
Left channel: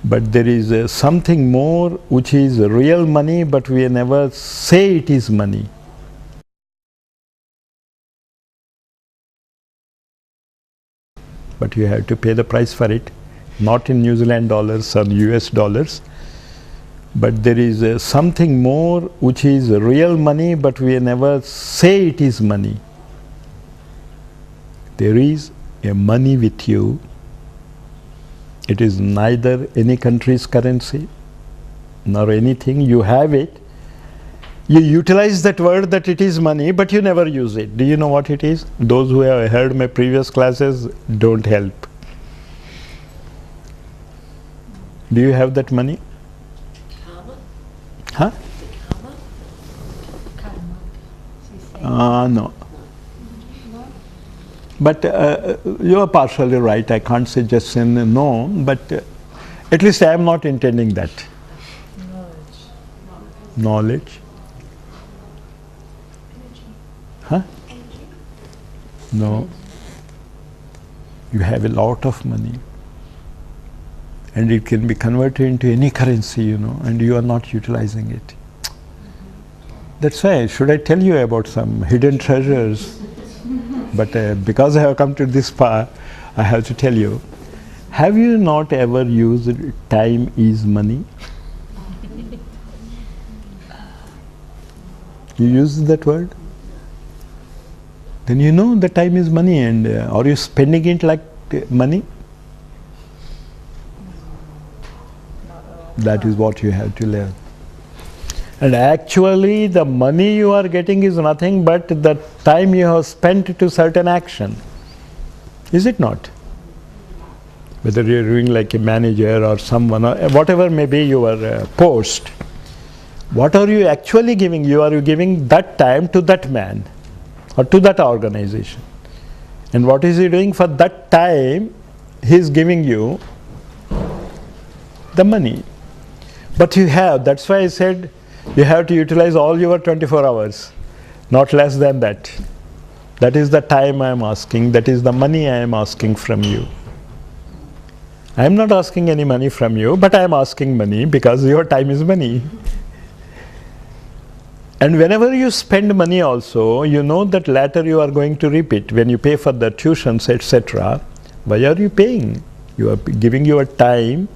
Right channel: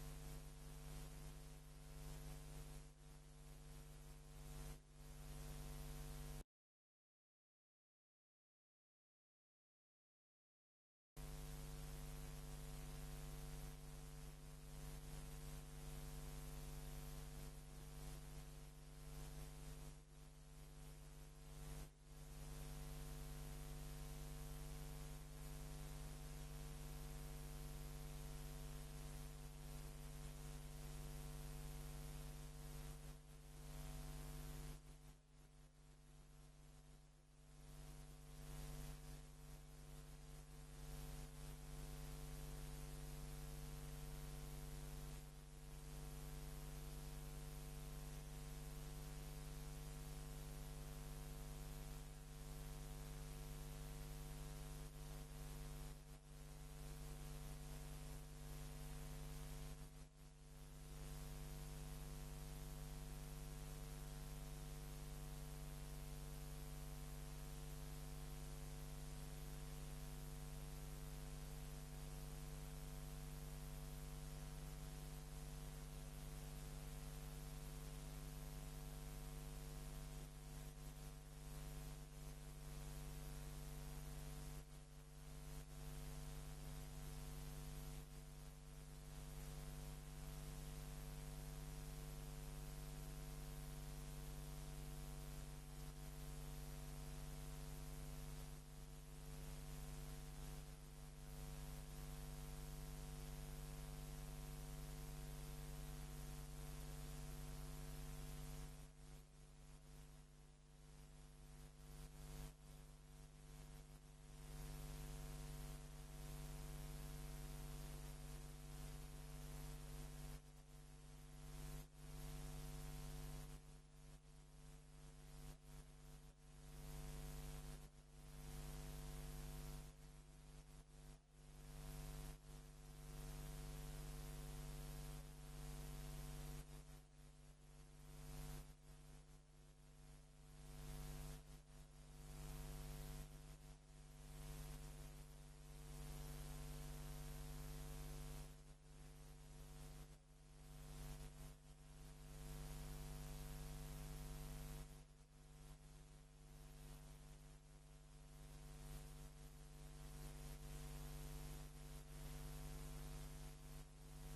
But there is something more which is real money, but we never say it is money. But you have to pay the price for it, not in New Zealand dollars or US dollars. But there is something more which is real money, but we never say it is money. There is a money with you. It is neither any country's currency nor anything. You have it. You utilize that word that it is money, but you never use it. Do you know what it is? Those who have heard my previous classes don't help. Do you have that money? Karma? Huh? Karma? No. But you are partially right. I can't say just in no, but at least I am not intending that. Knowledge. Huh? No. You have a lot of money. And it can be converted into any currency, you know, and you are not utilizing it. That's why, should I tell you about some hidden treasures? But because I have come to this part, I have to tell you. Have you not ever used time is money? You use that word? Then you know the time is money, and are you spending it like money? That is what you have to learn. And actually the money you are getting is nothing but the time you have spent to certain action. Is it not? Whether you are doing like a manager or someone, or whatever may be your post, what are you actually giving? You are giving that time to that man or to that organization. And what is he doing for that time? He is giving you the money. But you have, that's why I said, you have to utilize all your 24 hours, not less than that. That is the time I am asking, that is the money I am asking from you. I am not asking any money from you, but I am asking money because your time is money. And whenever you spend money also, you know that later you are going to reap it. When you pay for the tuitions, etc., why are you paying? You are giving your time,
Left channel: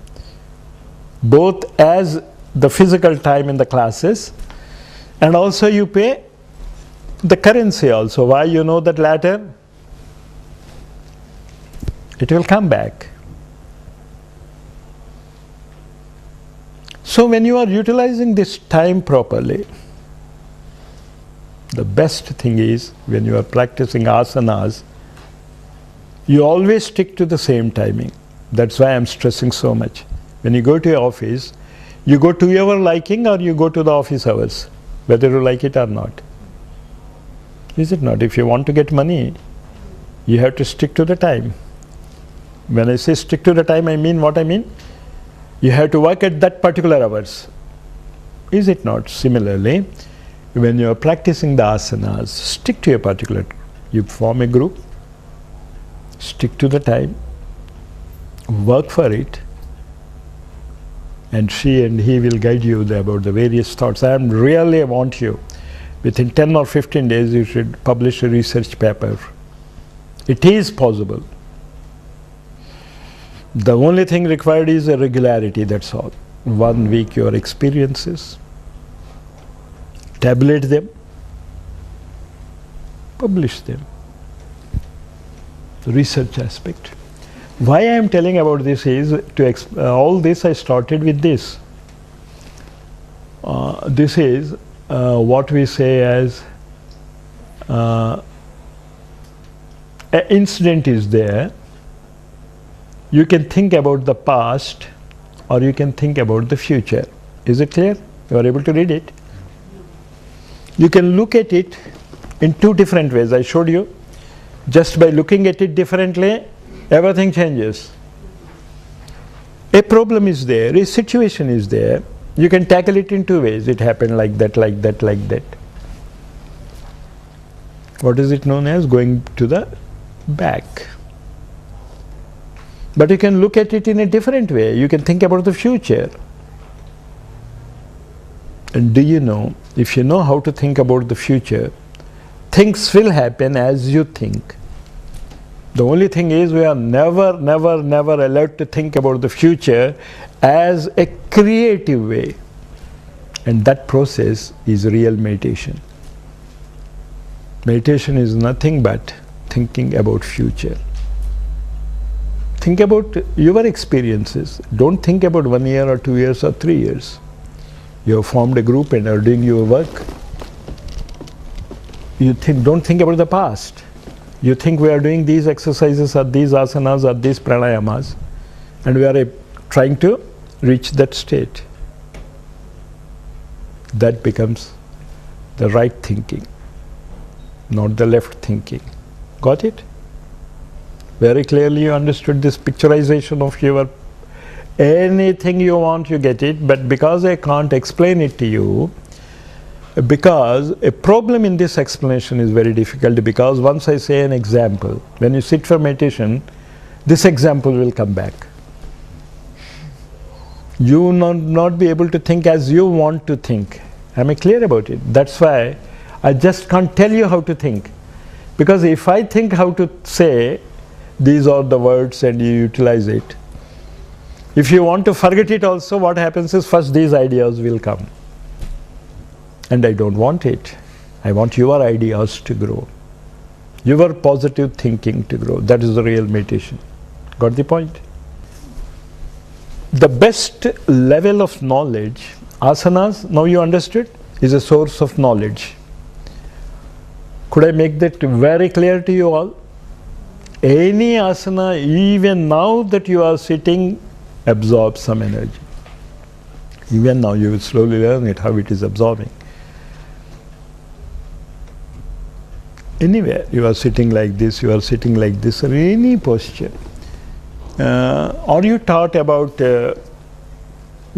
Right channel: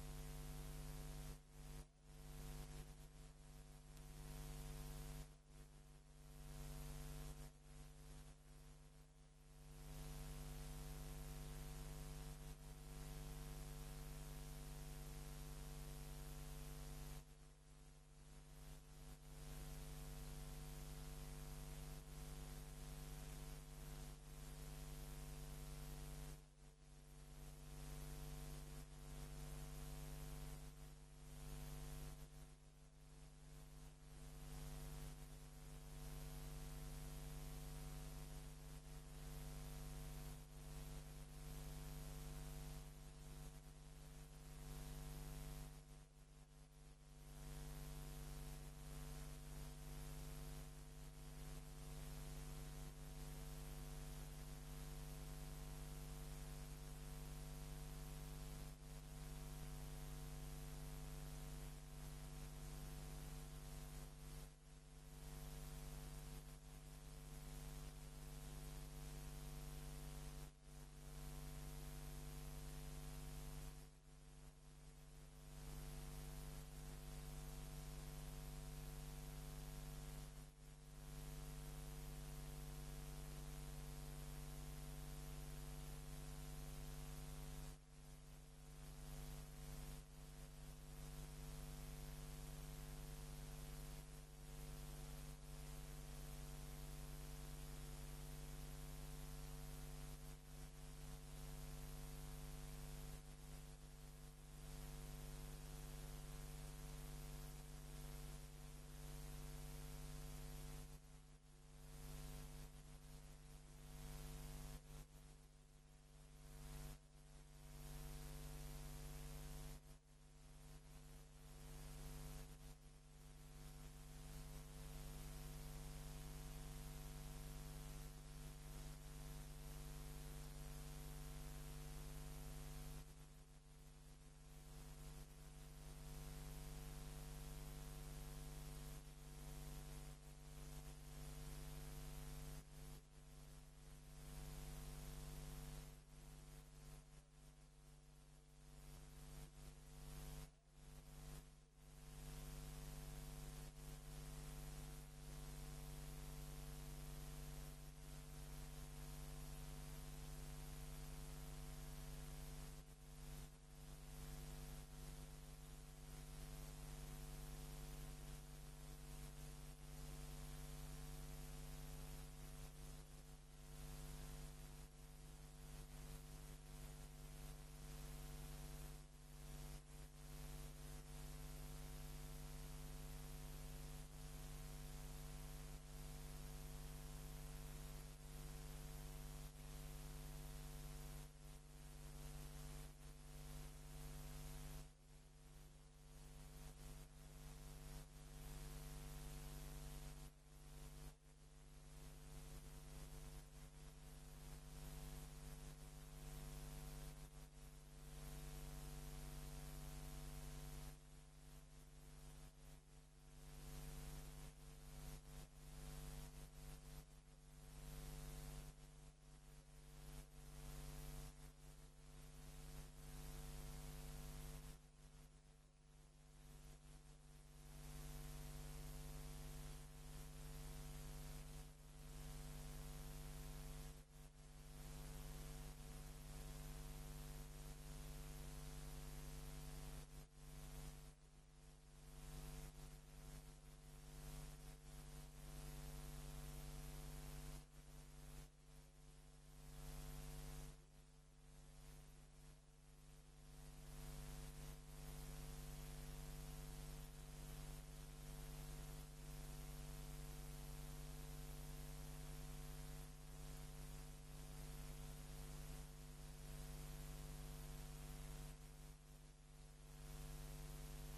both as the physical time in the classes, and also you pay the currency also. Why? You know that later it will come back. So when you are utilizing this time properly, the best thing is when you are practicing asanas, you always stick to the same timing. That's why I am stressing so much. When you go to your office, you go to your liking or you go to the office hours, whether you like it or not. Is it not? If you want to get money, you have to stick to the time. When I say stick to the time, I mean what I mean? You have to work at that particular hours. Is it not? Similarly, when you are practicing the asanas, stick to a particular, you form a group, stick to the time, work for it, and she and he will guide you about the various thoughts. I really want you, within 10 or 15 days you should publish a research paper. It is possible. The only thing required is a regularity, that's all. 1 week your experiences, tabulate them, publish them. The research aspect. Why I am telling about this is, all this I started with this. This is what we say as an incident is there. You can think about the past or you can think about the future. Is it clear? You are able to read it? You can look at it in 2 different ways. I showed you. Just by looking at it differently, everything changes. A problem is there, a situation is there. You can tackle it in 2 ways. It happened like that, like that, like that. What is it known as? Going to the back. But you can look at it in a different way. You can think about the future. And do you know, if you know how to think about the future, things will happen as you think. The only thing is we are never allowed to think about the future as a creative way. And that process is real meditation. Meditation is nothing but thinking about future. Think about your experiences. Don't think about 1 year or 2 years or 3 years. You have formed a group and are doing your work. Don't think about the past. You think we are doing these exercises or these asanas or these pranayamas, and we are trying to reach that state. That becomes the right thinking, not the left thinking. Got it? Very clearly you understood this picturization of your anything you want, you get it, but because I can't explain it to you, because a problem in this explanation is very difficult, because once I say an example, when you sit for meditation, this example will come back. You will not be able to think as you want to think. Am I clear about it? That's why I just can't tell you how to think. Because if I think how to say, these are the words and you utilize it, if you want to forget it also, what happens is first these ideas will come. And I don't want it. I want your ideas to grow. Your positive thinking to grow. That is the real meditation. Got the point? The best level of knowledge, asanas, now you understood, is a source of knowledge. Could I make that very clear to you all? Any asana, even now that you are sitting, absorbs some energy. Even now you will slowly learn it, how it is absorbing. Anywhere, you are sitting like this, or any posture. Are you taught about the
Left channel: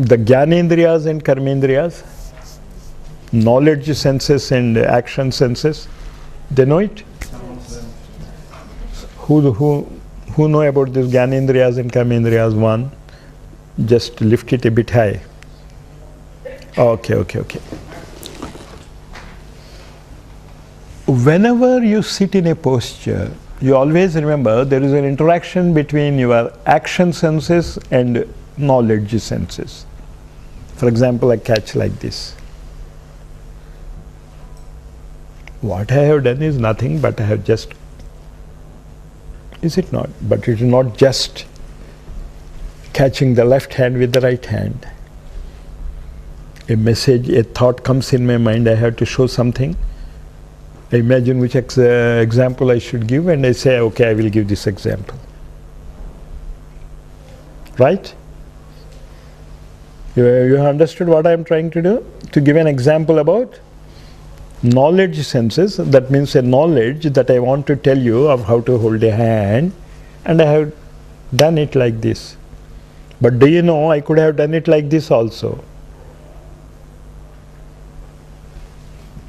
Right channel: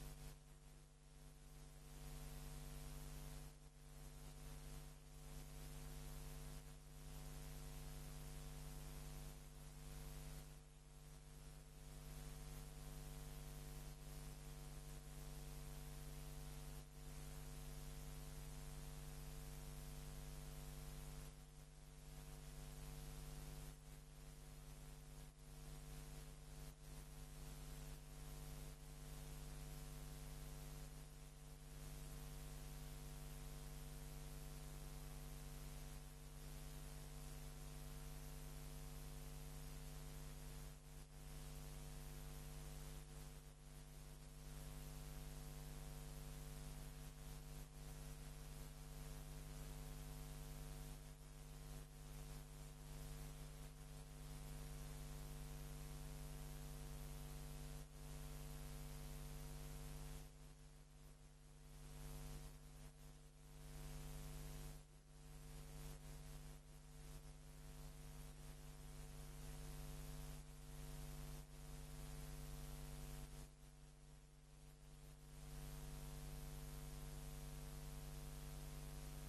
Jnanendriyas and Karmendriyas? Knowledge senses and action senses? They know it? Who know about this Jnanendriyas and Karmendriyas? One, just lift it a bit high. Okay. Whenever you sit in a posture, you always remember there is an interaction between your action senses and knowledge senses. For example, I catch like this. What I have done is nothing, but I have just, is it not? But it is not just catching the left hand with the right hand. A message, a thought comes in my mind, I have to show something. I imagine which example I should give, and I say, okay, I will give this example. Right? You understood what I am trying to do? To give an example about knowledge senses, that means a knowledge that I want to tell you of how to hold a hand, and I have done it like this. But do you know, I could have done it like this also.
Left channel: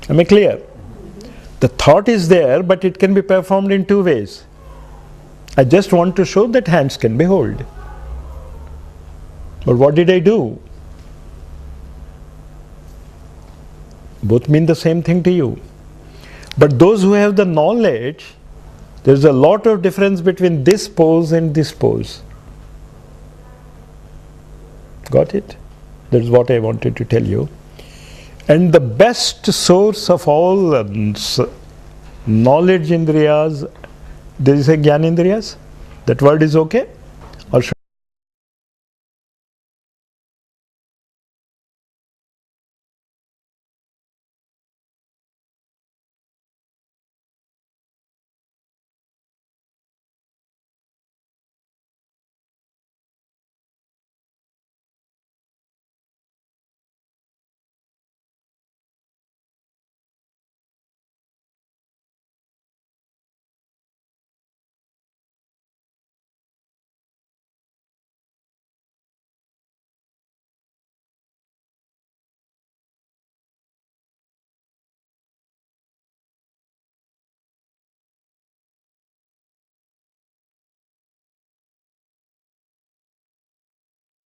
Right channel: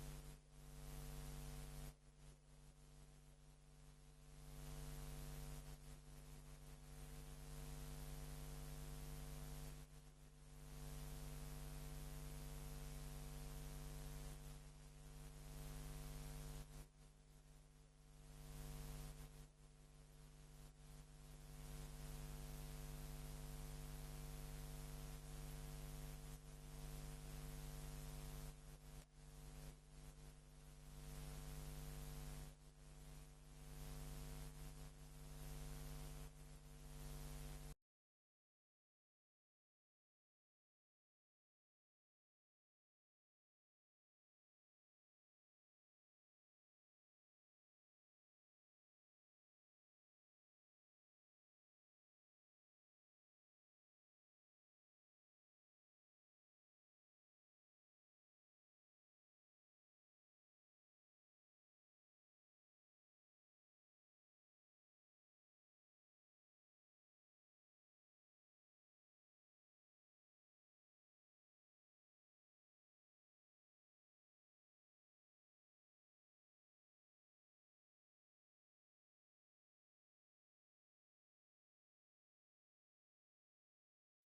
Am I clear? The thought is there, but it can be performed in two ways. I just want to show that hands can be held. But what did I do? Both mean the same thing to you. But those who have the knowledge, there's a lot of difference between this pose and this pose. Got it? That's what I wanted to tell you. And the best source of all knowledge indriyas, there is a Jnanendriyas. That word is okay?